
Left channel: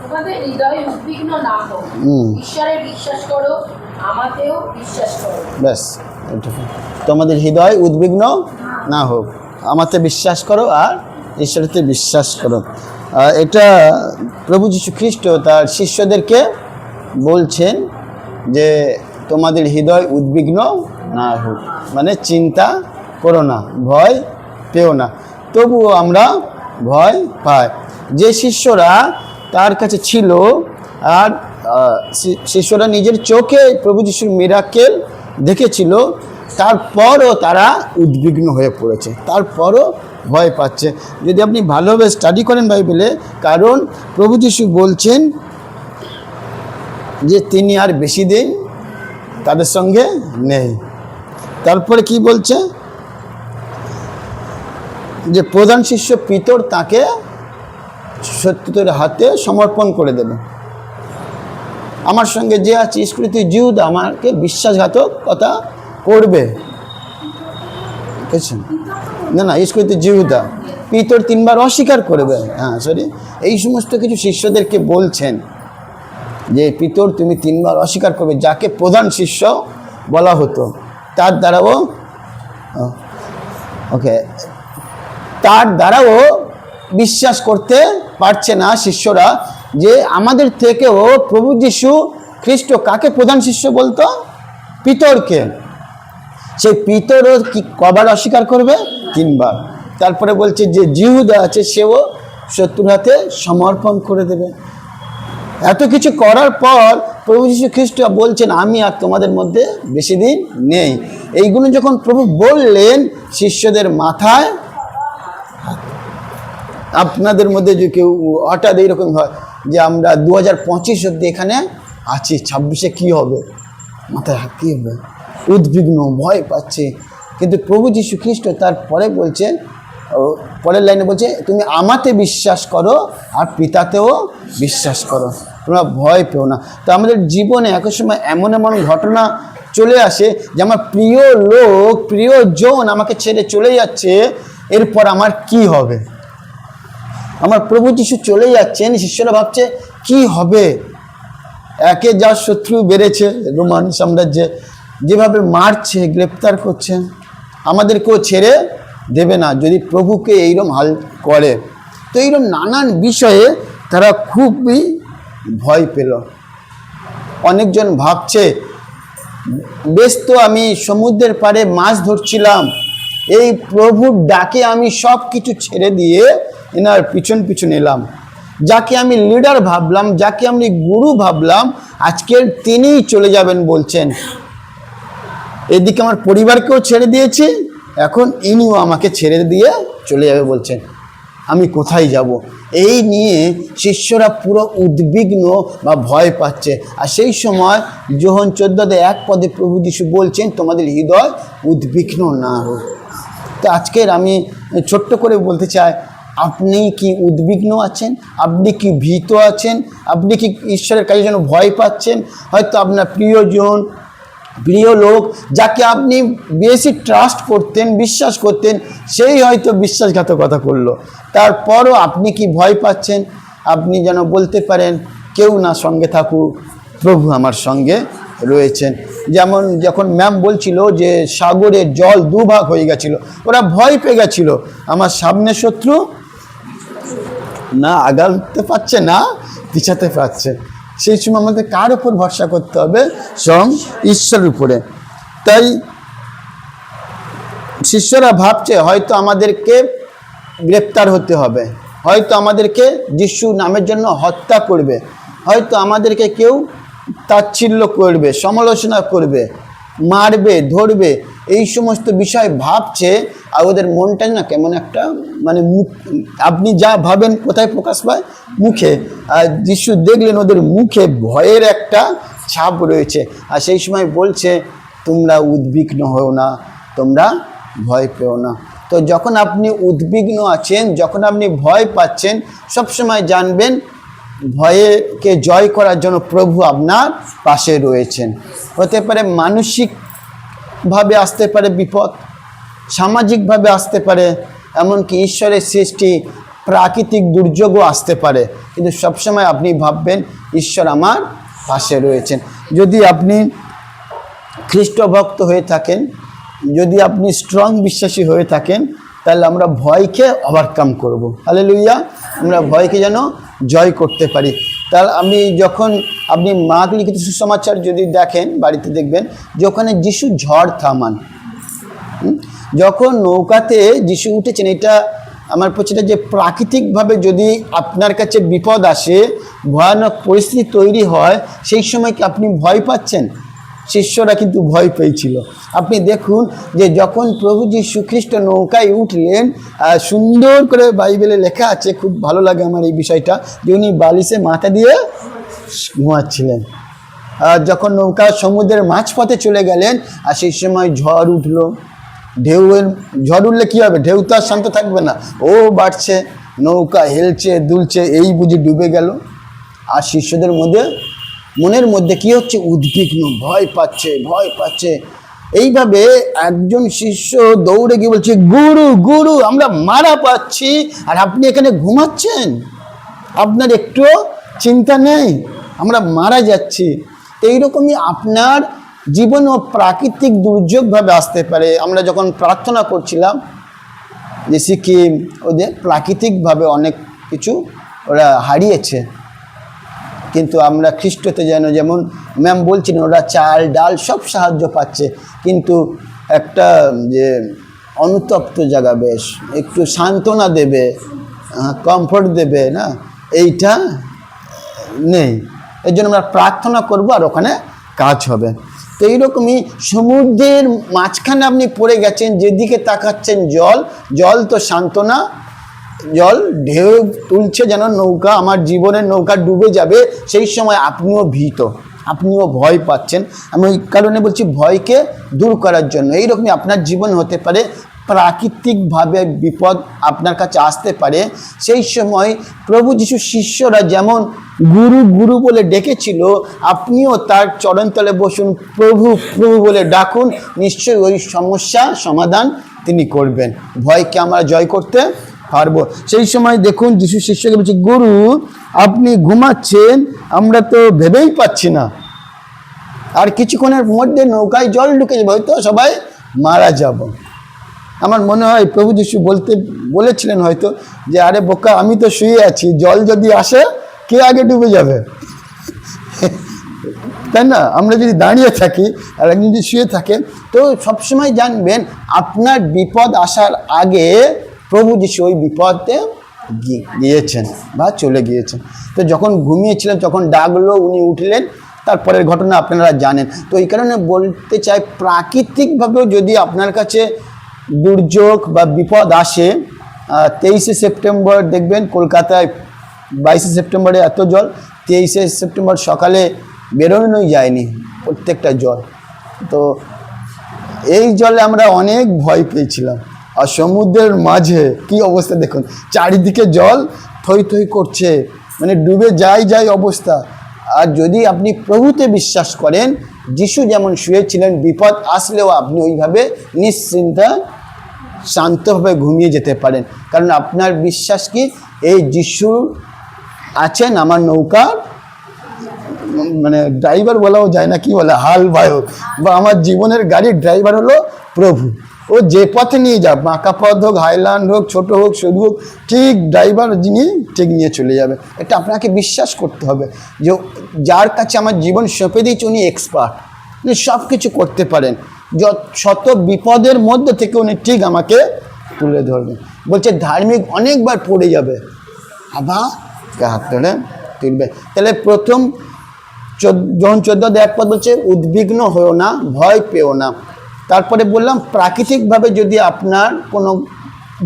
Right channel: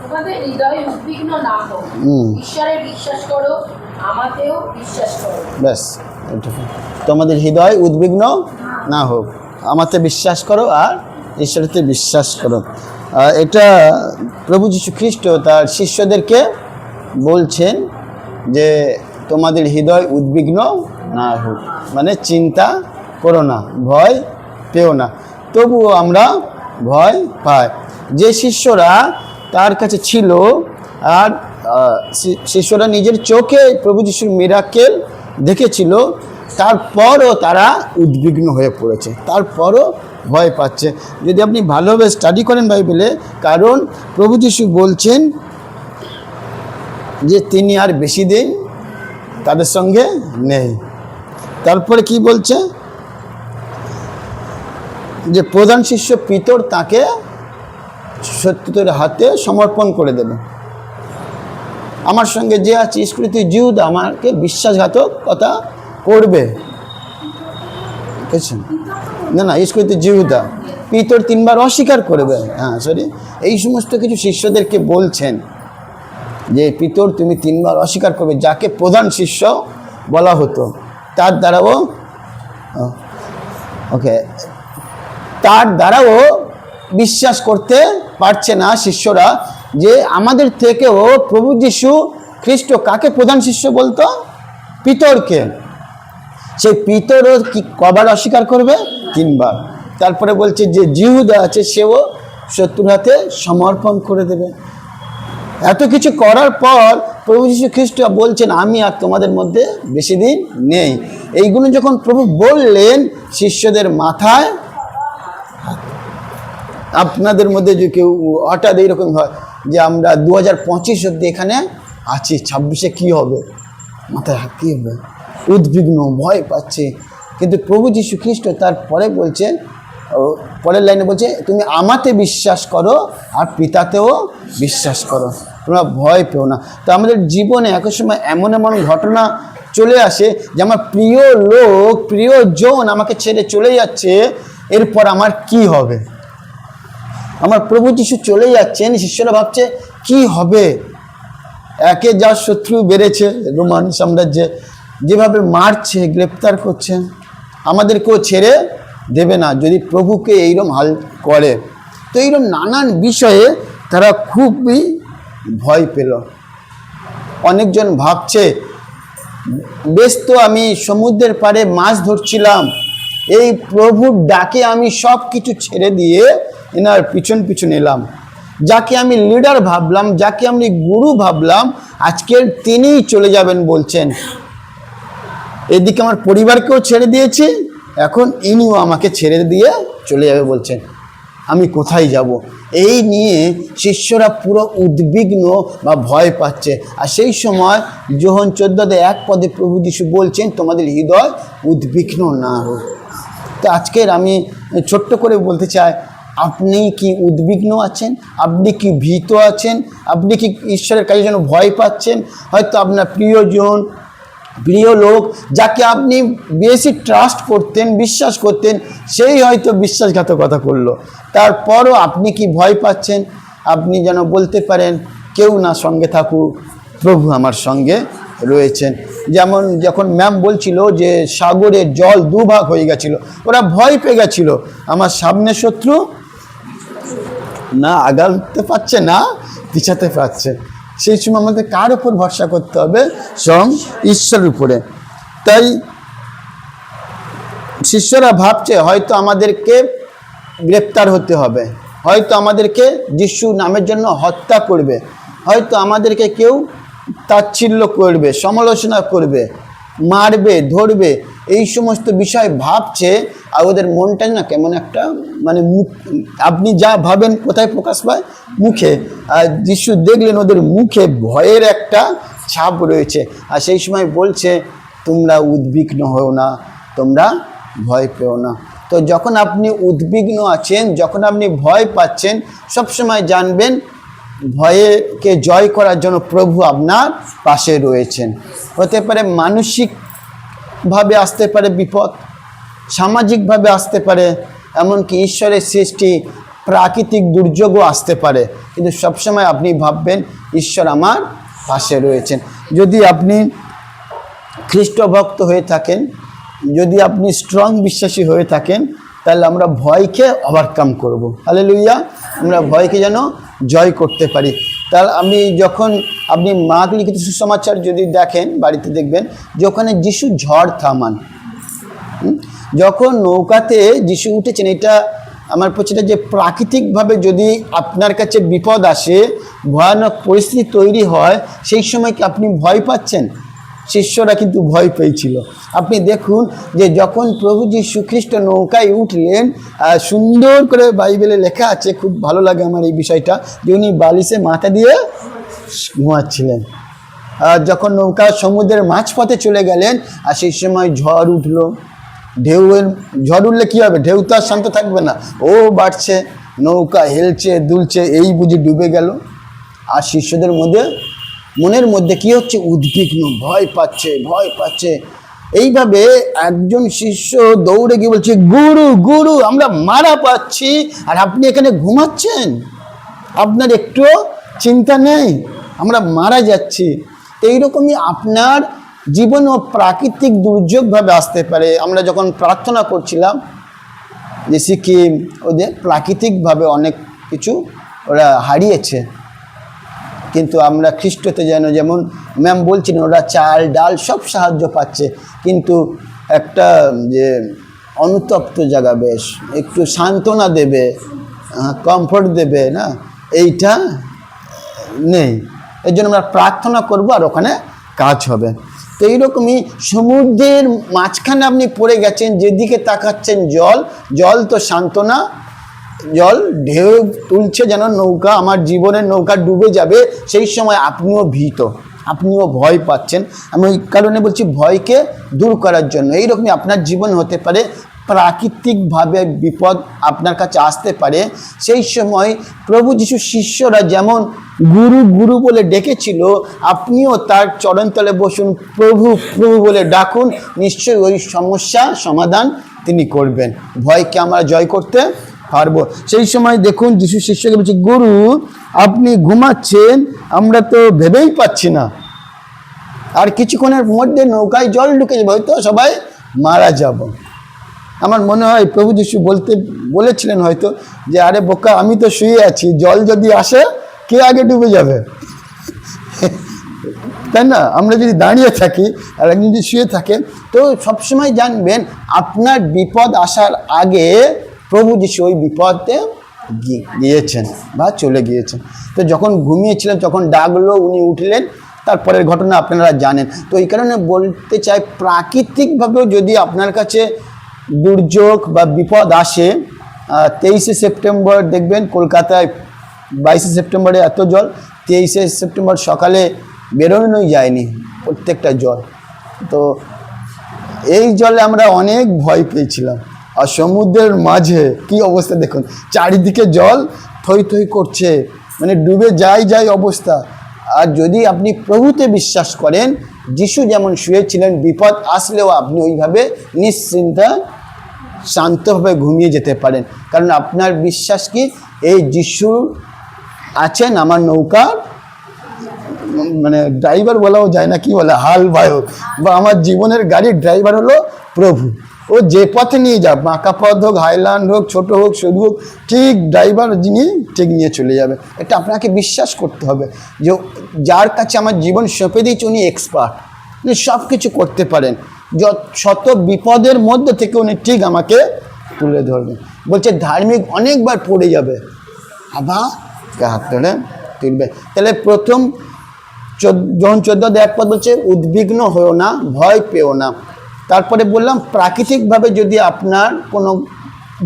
তোমাদের হৃদয় উদ্বিগ্ন না হোক, ঈশ্বরে বিশ্বাস করো, আমাতেও বিশ্বাস করো। ব্যাস, এটুকু। তোমাদের হৃদয় উদ্বিগ্ন না হোক, আমাতে বিশ্বাস করো আর ঈশ্বরেতে বিশ্বাস করো। এটা প্রভু যীশু খ্রিস্ট তার শিষ্যদেরকে বলছেন যে তোমাদের হৃদয় উদ্বিগ্ন না হোক, মানে চিন্তা করো না, ভয় পেও না। তবুও আমরা ভয় পাই। যে শিষ্যরা তার কাছে ছিল আর শিষ্যরা নিজের চোখে প্রভু যীশুর মিরাকেল দেখেছিল, তারপরও তারা উদ্বিগ্ন হয়ে পড়েছে, তারপরও ভয় পাচ্ছে। যদি আপনি ভালোভাবে স্টাডি করেন বাইবেলে, কারণ প্রভু যীশু বলছেন যে তিনি আর বেশি দিন তাদের সঙ্গে নেই। তারপরে কি বলছে, যে প্রধান শিষ্য পিতর তাকে সত্যের হাতে সমর্পণ করে দেবে। আমার সঙ্গে যে আছে ইস্করিওত জিহুদা আমাকে বিশ্বাসঘাতকতা করবে। বুঝছেন না, ইস্করিওত জিহুদা, পিতর 3 বার অস্বীকার করবে। এই সমস্ত কিছু শিষ্যদেরকে বলছেন যে পিতর তুমি 3 বার অস্বীকার করবে। যাকে প্রধান শিষ্য বলা হতো, তার দ্বারাও বিশ্বাস করতে পারছে না শিষ্যরা যে আমাদের থেকেও প্রভু যীশু খ্রিস্ট কাকে প্রধান শিষ্য বলতো? পিতরকে। সেই পিতরও কি কবার অস্বীকার করবে? 3 বার। তারপরে বলছে যে জিহুদা আছে সেও শত্রুর হাতে সমর্পণ করে দেবে। এত কিছু করার পর প্রভু যীশু খ্রিস্ট বলছেন আমি আর তোমাদের মধ্যে বেশি দিন নেই। এইগুলো যখন প্রভু বললেন শিষ্যদের মাথায়, আপনাদের মধ্যে যে কেউ হঠাৎ এইরকম হয় যে আমরা 2025 অব্দি এখানে আছি, 26-এ কী হবে, মাথায় কী হবে, উদ্বিগ্ন, ভয় পাচ্ছে। কিন্তু প্রভু যীশু খ্রিস্ট তারপরে বলছে, পরের লাইনে বলছে তুমি আমাতে বিশ্বাস করো আর পিতাতেও বিশ্বাস করো, তোমরা ভয় পেও না। তো আমাদের জীবনে এক সময় এমন এমন ঘটনা চলে আসে যে আমার প্রিয় লোক, প্রিয়জন আমাকে ছেড়ে চলে যাচ্ছে, এরপর আমার কি হবে? আমার প্রভু যীশু চলে যাচ্ছেন, শিষ্যরা ভাবছে কি হবে। একে যা শত্রু বেড়েছে, রোমান সাম্রাজ্যে যেভাবে মারছে, গ্রেপ্তার করছে, আমাদেরকেও ছেড়ে দেবে না যদি প্রভুকে এইরকম হাল করে। তো এইরকম নানান বিষয়ে তারা খুবই ভয় পেল। অনেকজন ভাবছে বেশ তো আমি সমুদ্রের পাড়ে মাছ ধরছিলাম, এই প্রভুর ডাকে আমি সব কিছু ছেড়ে দিয়ে এনার পিছন পিছন এলাম। যাকে আমি লিডার ভাবলাম, যাকে আমি গুরু ভাবলাম, আজকের তিনিই চলে যাবেন বলছেন। এদিকে আমার পরিবারকেও ছেড়ে দিয়েছি, এখন ইনিও আমাকে ছেড়ে দিয়ে চলে যাবে বলছেন। আমি কোথায় যাব? এই নিয়ে শিষ্যরা পুরো উদ্বিগ্ন বা ভয় পাচ্ছে। আর সেই সময় যোহন 14:1 প্রভু যীশু বলছেন তোমাদের হৃদয় উদ্বিগ্ন না হোক। তো আজকের আমি ছোট্ট করে বলতে চাই, আপনি কি উদ্বিগ্ন আছেন? আপনি কি ভীত আছেন? আপনি কি ঈশ্বরের কাছে যেন ভয় পাচ্ছেন? হয়তো আপনার প্রিয়জন, প্রিয় লোক, যাকে আপনি বেশি ট্রাস্ট করতেন, বিশ্বাস করতেন, সেই হয়তো বিশ্বাসঘাতকতা করলো। তারপরও আপনি কি ভয় পাচ্ছেন? আপনি যেন বলতে পারেন কেউ না সঙ্গে থাকুক, প্রভু আমার সঙ্গে রয়েছেন। যেমন যখন ম্যাম বলছিল যে সাগরের জল 2 ভাগ হয়ে গেছিল, ওরা ভয় পেয়ে গেছিল, আমার সামনে শত্রু না আগাতে পারছে না পিছাতে পারছে। সেই সময় আমাদের কার উপর ভরসা করতে হবে? স্বয়ং ঈশ্বরের উপরে। তাই শিষ্যরা ভাবছে হয়তো আমাদেরকে গ্রেপ্তার হতে হবে, হয়তো আমাদেরকে যিশু নামের জন্য হত্যা করবে, হয়তো আমাদেরকে কেউ তাচ্ছিল্য করবে, সমালোচনা করবে, মারবে, ধরবে, এই সমস্ত বিষয় ভাবছে। আর ওদের মনটা না কেমন একটা মানে মুখ, আপনি যা ভাবেন কোথায় প্রকাশ পায়? মুখে। আর যিশু দেখলেন ওদের মুখে ভয়ের একটা ছাপ রয়েছে। আর সেই সময় বলছে তোমরা উদ্বিগ্ন হও না, তোমরা ভয় পেও না। তো যখন আপনি উদ্বিগ্ন আছেন, যখন আপনি ভয় পাচ্ছেন, সবসময় জানবেন ভয়কে জয় করার জন্য প্রভু আপনার পাশে রয়েছেন। হতে পারে মানসিকভাবে আসতে পারে বিপদ, সামাজিকভাবে আসতে পারে, এমনকি ঈশ্বরের সৃষ্টি প্রাকৃতিক দুর্যোগও আসতে পারে, কিন্তু সবসময় আপনি ভাববেন ঈশ্বর আমার পাশে রয়েছেন। যদি আপনি খ্রিস্ট ভক্ত হয়ে থাকেন, যদি আপনি স্ট্রং বিশ্বাসী হয়ে থাকেন, তাহলে আমরা ভয়কে ওভারকাম করব। হালেলুয়া! আমরা ভয়কে যেন জয় করতে পারি। তাহলে যখন আপনি মার্ক লিখিত সুসমাচার যদি দেখেন, বাড়িতে দেখবেন যে ওখানে যিশু ঝড় থামান, যখন নৌকাতে যিশু উঠেছেন, এটা আমার পক্ষে যে প্রাকৃতিকভাবে যদি আপনার কাছে বিপদ আসে, ভয়ানক পরিস্থিতি তৈরি হয়, সেই সময় কি আপনি ভয় পাচ্ছেন? শিষ্যরা কিন্তু ভয় পেয়েছিল। আপনি দেখুন যে যখন প্রভু যীশু খ্রিস্ট নৌকায় উঠলেন, সুন্দর করে বাইবেলে লেখা আছে, খুব ভালো লাগে আমার এই বিষয়টা, যে উনি বালিশে মাথা দিয়ে ঘুমাচ্ছিলেন। যখন নৌকা সমুদ্রের মাঝপথে চলে গেলেন, আর সেই সময় ঝড় উঠলো, ঢেউয়ের ঝড় উঠলে কী হবে? ঢেউ তো আর শান্ত থাকবে না, ও বাড়ছে, নৌকা হেলছে দুলছে, এই বুঝি ডুবে গেল। আর শিষ্যদের মনের মধ্যে কি হচ্ছে? উদ্বিগ্ন, ভয় পাচ্ছে। এইভাবে একজন শিষ্য দৌড়ে গিয়ে বলছে, গুরু গুরু, আমরা মারা পাচ্ছি, আর আপনি এখানে ঘুমাচ্ছেন, আপনার একটুও চিন্তা নেই, আমরা মারা যাচ্ছি। এইরকমই আপনার জীবন ও প্রাকৃতিক দুর্যোগভাবে আসতে পারে। আমরা যখন প্রার্থনা করছিলাম, যে সিকিম, ওদের প্রাকৃতিকভাবে অনেক কিছু ওরা হারিয়েছে। কিন্তু আমরা খ্রিস্টতে যেমন ম্যাম বলছিলেন, ওরা চাল ডাল সব সাহায্য পাচ্ছে, কিন্তু একটা যে অনুতপ্ত জায়গা, বেশ একটু সান্ত্বনা দেবে, কমফোর্ট দেবে না, এইটা নেই। এর জন্য আমরা প্রার্থনা করব আর ওখানে কাজ হবে। তো এইরকমই সমুদ্রের মাঝখানে আপনি পড়ে গেছেন, যেদিকে তাকাচ্ছেন জল, জল তো সান্ত্বনা, জল ঢেউ তুলছে যেন নৌকা, আমার জীবনের নৌকা ডুবে যাবে, সেই সময় আপনিও ভীত, আপনিও ভয় পাচ্ছেন। আমি ওই কারণে বলছি ভয়কে দূর করার জন্য। এইরকমই আপনার জীবন হতে পারে, প্রাকৃতিকভাবে বিপদ আপনার কাছে আসতে পারে। সেই সময় প্রভু যিশু শিষ্যরা যেমন গুরু গুরু বলে ডেকেছিল, আপনিও তার চরণতলে বসুন, প্রভু প্রভু বলে ডাকুন, নিশ্চয়ই ওই সমস্যা সমাধান তিনি করবেন। ভয়কে আমরা জয় করতে পারবো। সেই সময় দেখুন যিশু শিষ্যকে বলছে, গুরু আপনি ঘুমাচ্ছেন, আমরা তো ভেবেই পাচ্ছি না, আর কিছুক্ষণের মধ্যে নৌকায় জল ঢুকে যাবে, হয়তো সবাই মারা যাব। আমার মনে হয় প্রভু যিশু বলেছিলেন হয়তো যে, আরে বোকা, আমি তো শুয়ে আছি, জল যদি আসে কে আগে ডুবে যাবে? তাই না? আমরা যদি দাঁড়িয়ে থাকি আর একজন যদি শুয়ে থাকে, তো সবসময় জানবেন আপনার বিপদ আসার আগে প্রভু যিশু ওই বিপদে গিয়েছেন বা চলে গিয়েছেন। তো যখন ঘুমিয়েছিলেন, যখন ডাকলো উনি উঠলেন, তারপরের ঘটনা আপনারা জানেন। তো এই কারণে বলতে চাই, প্রাকৃতিকভাবেও যদি আপনার কাছে দুর্যোগ বা বিপদ আসে, 23শে সেপ্টেম্বর দেখবেন কলকাতায় 22শে সেপ্টেম্বরে এত জল, 23শে সেপ্টেম্বর সকালে বেরোনোই যায়নি প্রত্যেকটা জল। তো এই জলে আমরা অনেক ভয় পেয়েছিলাম। আর সমুদ্রের মাঝে কি অবস্থা দেখুন, চারিদিকে জল থই থই করছে, মানে ডুবে যাই অবস্থা। আর যদি আপনি প্রভুতে বিশ্বাস করেন, যিশু যেমন শুয়েছিলেন, বিপদ আসলেও আপনি ওইভাবে নিশ্চিন্তা শান্তভাবে ঘুমিয়ে যেতে পারেন। কারণ আপনার বিশ্বাস কি, এই যিশু আছেন আমার নৌকার, মানে ড্রাইভার বলাও যায় না, কি বলে, হাল বায়ক, বা আমার জীবনের গাড়ির ড্রাইভার হলো প্রভু। ও যে পথে নিয়ে যাক, বাঁকা পথ হোক, হাইল্যান্ড হোক, ছোট হোক, সরু হোক, ঠিক ড্রাইভার যিনি ঠিক নিয়ে চলে যাবে। এটা আপনাকে বিশ্বাস করতে হবে যে যার কাছে আমার জীবন সঁপে দিয়েছে উনি এক্সপার্ট, উনি সব কিছু করতে পারেন। শত বিপদের মধ্যে থেকে উনি ঠিক আমাকে তুলে ধরবেন। বলছে ধার্মিক অনেকবার পড়ে যাবে, আবার হাত ধরে তুলবে। তাহলে প্রথম যখন 14 পদ বলছে উদ্বিগ্ন হও না, ভয় পেও না। তারপরে বললাম প্রাকৃতিকভাবে যদি আপনার কোনো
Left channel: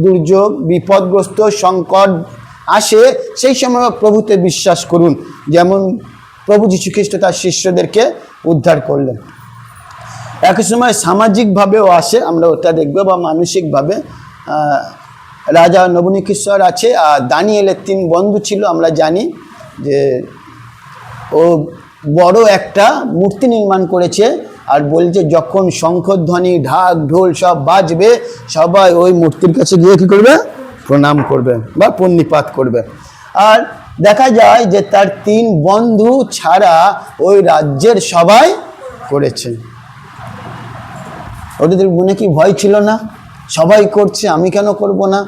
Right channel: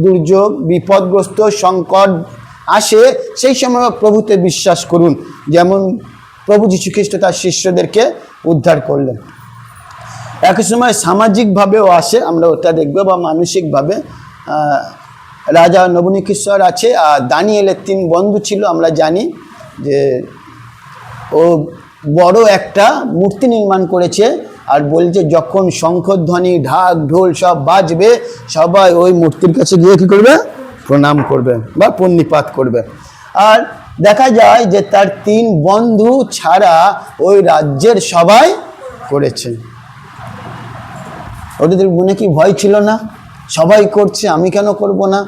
দুর্যোগ, বিপদগ্রস্ত, সংকট আসে, সেই সময় প্রভুতে বিশ্বাস করুন, যেমন প্রভু যীশু খ্রিস্ট তার শিষ্যদেরকে উদ্ধার করলেন। একই সময় সামাজিকভাবেও আসে, আমরা ওটা দেখব, বা মানসিকভাবে। রাজা নবনীকেশ্বর আছে, আর দানিয়েলের 3 বন্ধু ছিল। আমরা জানি যে ও বড় একটা মূর্তি নির্মাণ করেছে, আর বলছে যখন শঙ্খধ্বনি, ঢাক, ঢোল সব বাজবে, সবাই ওই মূর্তির কাছে গিয়ে কী করবে? প্রণাম করবে বা প্রণিপাত করবে। আর দেখা যায় যে তার 3 বন্ধু ছাড়া ওই রাজ্যের সবাই করেছে। ওদের মনে কি ভয় ছিল না? সবাই করছে, আমি কেন করব না?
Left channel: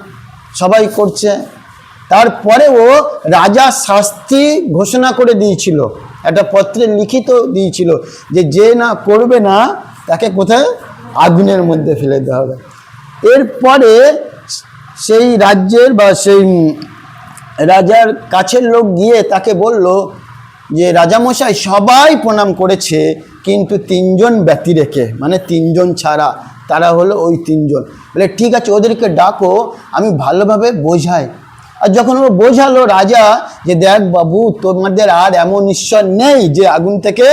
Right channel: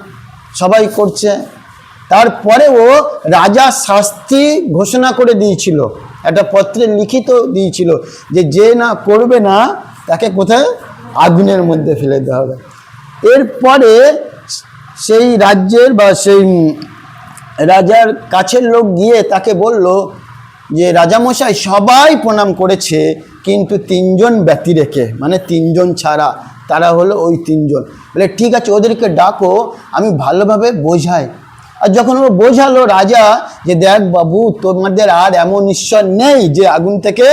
সবাই করছে। তারপরেও রাজা শাস্তি ঘোষণা করে দিয়েছিল, একটা পত্রে লিখিত দিয়েছিল যে যে না করবে না তাকে কোথায়? আগুনের মধ্যে ফেলে দেওয়া হবে। এরপরে সেই রাজ্যের বা সেই রাজার কাছের লোক গিয়ে তাকে বলল যে রাজামশাই সবাই প্রণাম করেছে, কিন্তু 3 জন ব্যতি রেখে, মানে 3 জন ছাড়া, তারা হলো ওই 3 জন। বলে ঠিক আছে, ওদেরকে ডাকো, আমি ভালোভাবে বোঝাই। আর যখন ও বোঝালো রাজা যে দেখ বাবু, তোমাদের আর এমন ঈশ্বর নেই যে আগুন থেকে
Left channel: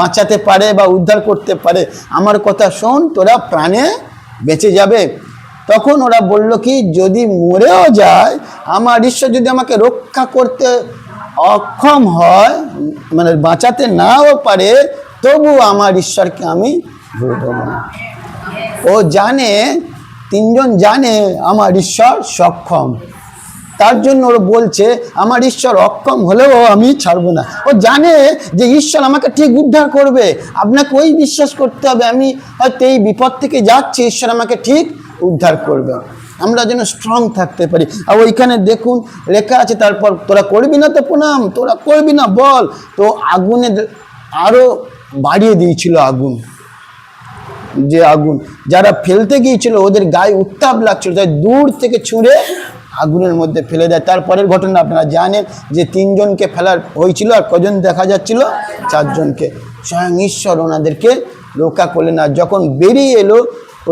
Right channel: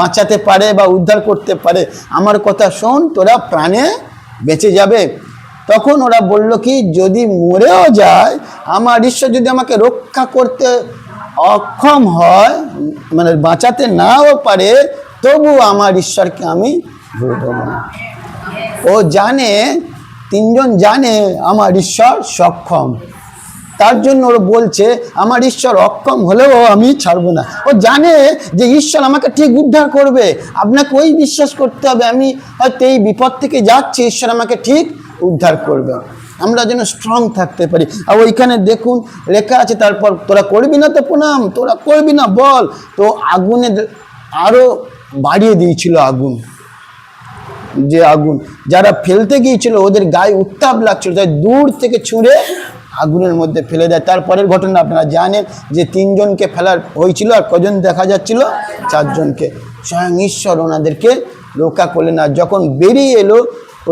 বাঁচাতে পারে বা উদ্ধার করতে পারে, আমার কথা শোন, তোরা প্রাণে বেঁচে যাবে। তখন ওরা বলল কি, যদি মরেও যায়, আমার ঈশ্বর যদি আমাকে রক্ষা করতে অক্ষম হয়, মানে বাঁচাতে নাও পারে, তবু আমার ঈশ্বরকে আমি ভুলব না। ও জানে, 3 জন জানে আমার ঈশ্বর সক্ষম, তার জন্য ওরা বলছে আমার ঈশ্বর অক্ষম হলেও আমি ছাড়বো না। ও জানে যে ঈশ্বর আমাকে ঠিক উদ্ধার করবে। আপনাকে ওই বিশ্বাস করতে হবে, আমি হয়তো এই বিপদ থেকে যাচ্ছি, ঈশ্বর আমাকে ঠিক উদ্ধার করবে। আমরা যেন স্ট্রং থাকতে পারি। আর ওইখানে দেখুন লেখা আছে, তারপর তোরা করবি না তো প্রণাম, তোরা করবি না বল। তো আগুনে আরও বাড়িয়ে দিয়েছিল আগুন, যে আগুন যারা ফেলতে গিয়েছিল ওদের গায়ে উত্তাপ লাগছিল, তাই দূর থেকে ছুঁড়ে আগুনের মধ্যে ফেলে দেয়। তারপরের ঘটনা আপনারা জানেন যে 3 জনকে ফেলার হয়েছিল, আর কজন দেখা যাচ্ছিল? 4 জনকে। স্বয়ং ঈশ্বর ওনাদেরকে রক্ষা করলেন। আর যখন বেরিয়ে এলো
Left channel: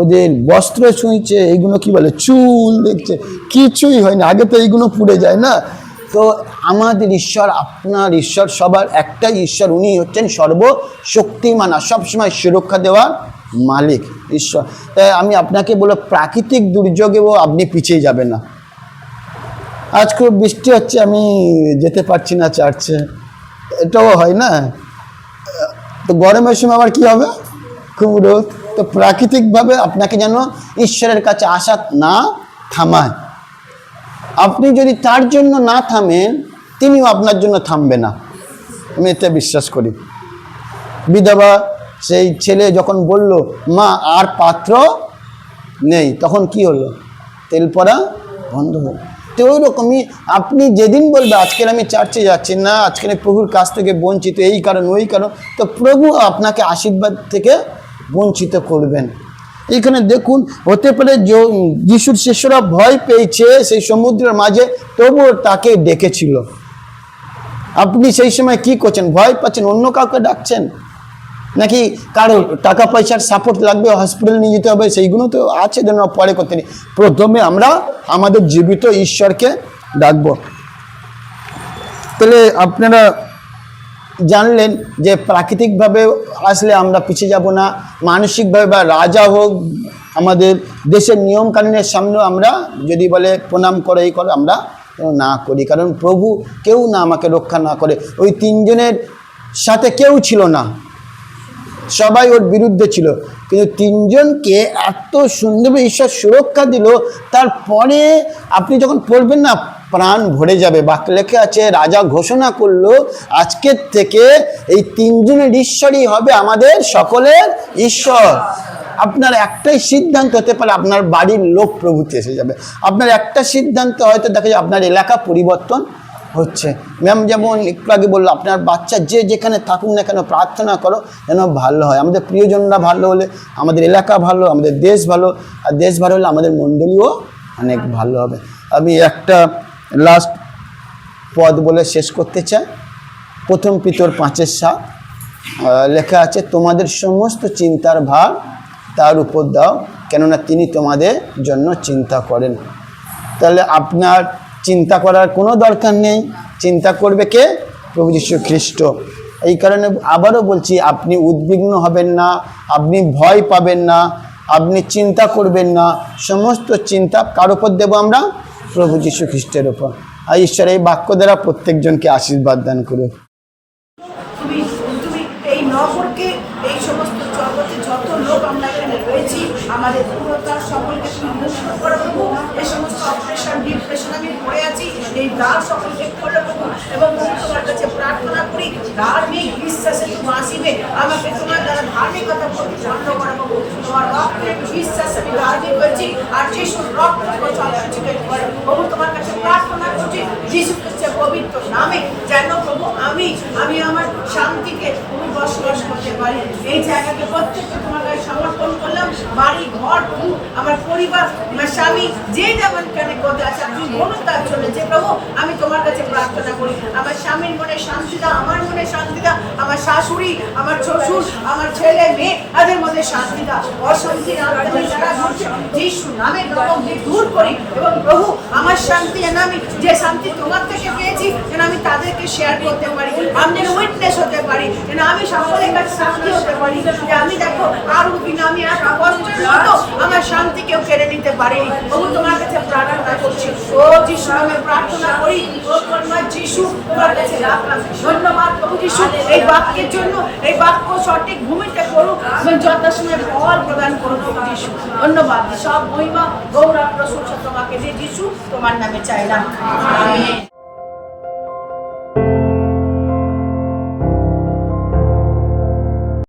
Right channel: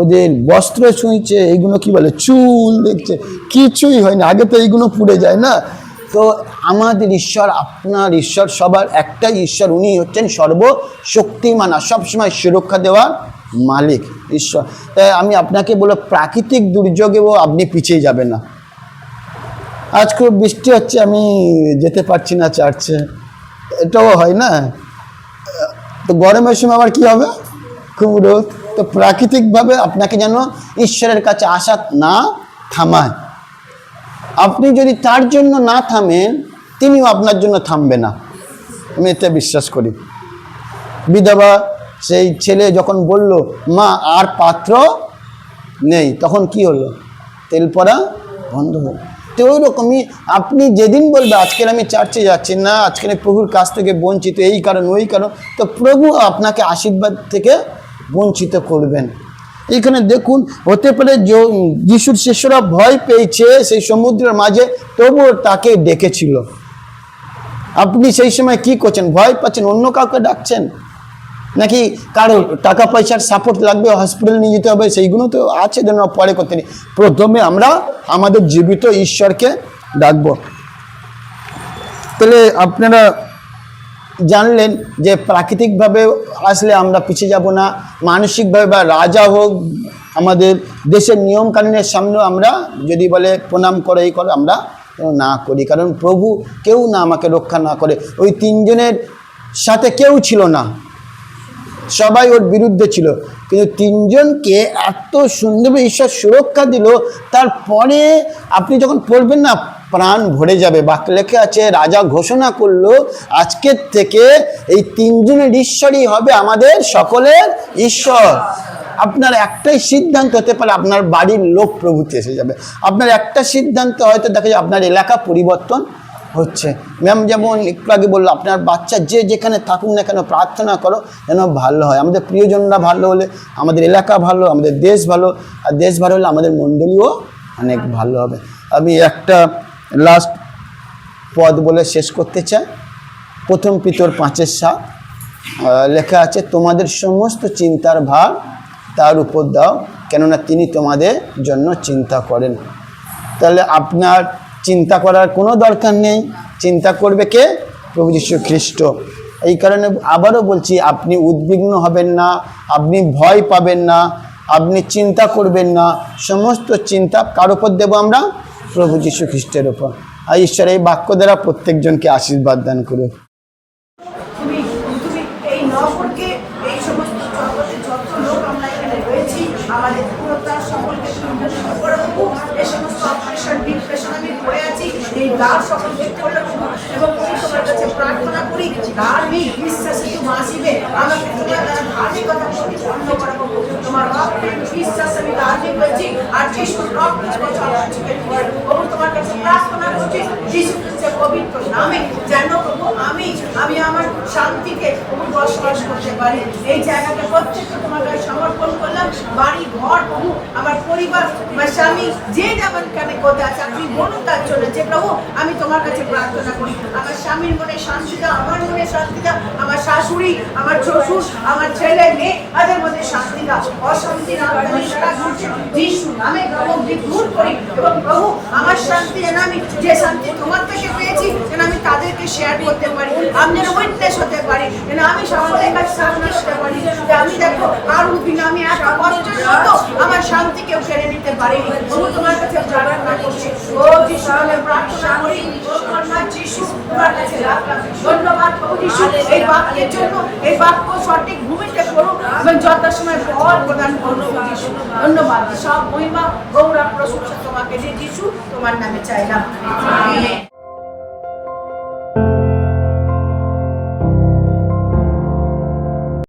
ওদের বস্ত্র ছুঁইছে, এইগুলো কি বলে, চুল দেখছে, কিছুই হয়নি। আগে তো এইগুলো পুড়ে যায় না। তো আমাদের ঈশ্বর, আপনার ঈশ্বর, সবার একটাই ঈশ্বর, উনি হচ্ছেন সর্বশক্তিমান, আর সবসময় সুরক্ষা দেওয়ার মালিক ঈশ্বর। তাই আমি আপনাকে বলবো, প্রাকৃতিক দুর্যোগেও আপনি পিছিয়ে যাবেন না। আজ খুব বৃষ্টি হচ্ছে, আমি যেতে পারছি না চার্চে, এটাও হয় না। তো গরমের সময় আবার কি হবে, খুব রোদ। তো প্রাকৃতিকভাবে আপনাকে যেন ঈশ্বরের কাছে আসা না থামায়। আপনি যদি তার জন্য না থামেন, তিনিও আপনার জন্য থামবে না, আমি এতে বিশ্বাস করি। বিধবা সেই ছেলে যখন বলল, মা আর পাত্র নেই, তখন কি হলো, তেল পড়া বন্ধ হলো। তো ওই রকমই আপনি যেদিন বলবে আজকের আমি চার্চে যাচ্ছি না, আজকের প্রভুর কাছ থেকে বঞ্চিত, এই কারণ ওই কারণ, তো প্রভু আপনাকে আশীর্বাদ থেকে বঞ্চিত করবেন। এখানে দেখুন, হতে পারে যিশুর শিষ্যরা ভয় পেয়েছে সেই সমুদ্রের মাঝে, তবুও তাকে ডেকেছিল। আপনি সেই সময় কি করছেন? ভয় পাচ্ছেন, অন্য কাউকে ডাকছেন, নাকি কারো টাকা পয়সার সাপোর্ট লাগবে, হসপিটাল নিয়ে যেতে হবে, সেইগুলো তো আছে, যেন পরে করতে নেই। প্রথমে আমরা আমাদের জীবিত ঈশ্বরকে ডাকব। তাহলে আপনারা জানলেন যে প্রাকৃতিকভাবে আসলে আমরা পিছিয়ে যাব না, মানসিকভাবে বা রাজা হোক, আমাদের দেশের নিয়মকানুনের সামনেও আমরা যদি বলে প্রণাম করে এই করে, আমরা না করি। কারণ প্রভু কেউ না আমাকে রক্ষা না করে। ওই 3 জনের সাথে কেউ ছিল না, সবাই ওর বিরুদ্ধে ছিল, কিন্তু 3 জনকে এত সুন্দরভাবে ঈশ্বর সুরক্ষা দিল। তারপরে আপনি যখন পড়বেন না, প্রাণ ভরে যাবে। বাক্যে লেখা আছে, রাজা ঘোষণা করলো, আজকের থেকে এই 3 জনের ঈশ্বরই হবে আমাদের সকলের ঈশ্বর। আপনার একটাই সিদ্ধান্ত হতে পারে, আপনার বাড়ির লোক প্রভুতে এসে যাবে। আপনার একটা সিদ্ধান্ত হয়তো দেখা যায় আপনার এলাকা পরিবর্তন হচ্ছে। ম্যাম যেমন একটু আগে বললো, আপনার বাচ্চা যে যেখানে থাকুক না কেন, প্রার্থনা করো যেন ভালো হয়। আমাদের প্রিয়জনরা ভালো হলে আমাদের এলাকা ভালো, আমাদের দেশ ভালো, আর দেশ ভালো হলে আমাদের মণ্ডলীও অনেক ভালো হবে। আমি একটা লাস্ট পদ বলে শেষ করতে চাই। 1 পিতর 5:7 লেখা আছে, তোমাদের সমস্ত চিন্তার ভার তার উপর দাও, কেননা তিনি তোমাদের জন্য চিন্তা করেন। তাহলে আপনার চিন্তা করার কোনো দরকার নেই, চিন্তা করবে কে? প্রভু যীশু খ্রিস্ট। এই কারণে আবারও বলছি, আপনি উদ্বিগ্ন হবেন না, আপনি ভয় পাবেন না, আপনি চিন্তা করবেন না। সমস্ত চিন্তা কার উপর দেবো আমরা? প্রভু যীশু খ্রিস্টের উপর। আর ঈশ্বর এই বাক্য দ্বারা প্রত্যেকজনকে আশীর্বাদ দান করুক। তুমি এই নগরকে, এই সমস্ত জগতে যত লোক আমরা এখানে রয়েছি, আমাদের পুরোটার সকলকে তুমি মুক্ত করো প্রভু। এই সমস্ত অপারেশন ডিপ্রেশন আমি পড়ে আছি, এই দ্বার সকলকে খোলো প্রভু। এবং প্রভু তোমার কাছে প্রার্থনা করি, ধার্মিক বিশ্বাসে তুমি আসিবে, আমাকে তোমার দ্বারা ধার্মিকতা করতে বন্ধ করে প্রভু। তোমার রক্তের বিশ্বাসে আমি রাজি হয়েছি, আর যিশুর রক্ত সব কিছুকে প্রভু তোমার কাছে প্রার্থনা করছি যিশু খ্রিস্টের পবিত্র নামে, যেন প্রভু আমি আমার শান্তিকে প্রভু বসবাস করতে পারি। এই জায়গাকে প্রত্যেককে তোমার গায়ে সমর্পণ করলাম। বাড়ি ঘর প্রভু, আমার পরিবার, আমার স্বামী, যে যেমন কানে কোথায় আছে আপনি বলুন তার জন্য, যে প্রভু আমি তোমার কাছে প্রার্থনা করি, আমার স্বামীর মনে শান্তি দাও, আমার মনে শান্তি দাও, আমার শাশুড়ি, আমার শ্বশুর, আমার ছেলে মেয়ে, তাদের মধ্যে শান্তি দাও। অশান্তি না যিশু নামে দূর করি। এবং প্রভু আমার শান্তি যেন আমি, যে শান্তি তোমার থেকে পেয়েছি, যেন আমি তাদেরকে শেয়ার করতে পারি, আমি যেন উইটনেস হতে পারি, যেন আমি সকলের কাছে শান্তি হতে পারি, যে আমি দেখো আর উদ্বিগ্ন, আমি এত কষ্টের মতো আমার শান্তি কেউ কেড়ে নিতে পারেনি। প্রভু তোমার কাছে প্রার্থনা করছি, ও যিশু নামে প্রার্থনা করি, ও কর্মা যিশু তোমার কাছে রাখলাম। ধন্যবাদ প্রভু যিশু এই বাক্যের জন্য, এই বাক্য সঠিক ভূমিতে করুক এবং যথাসময়ে ফল প্রদান করুক প্রভু যিশু। ধন্যবাদ, সব মহিমা গৌরব প্রশংসা তোমাকে দিয়ে যিশু তোমার নামে চাইলাম, আমেন।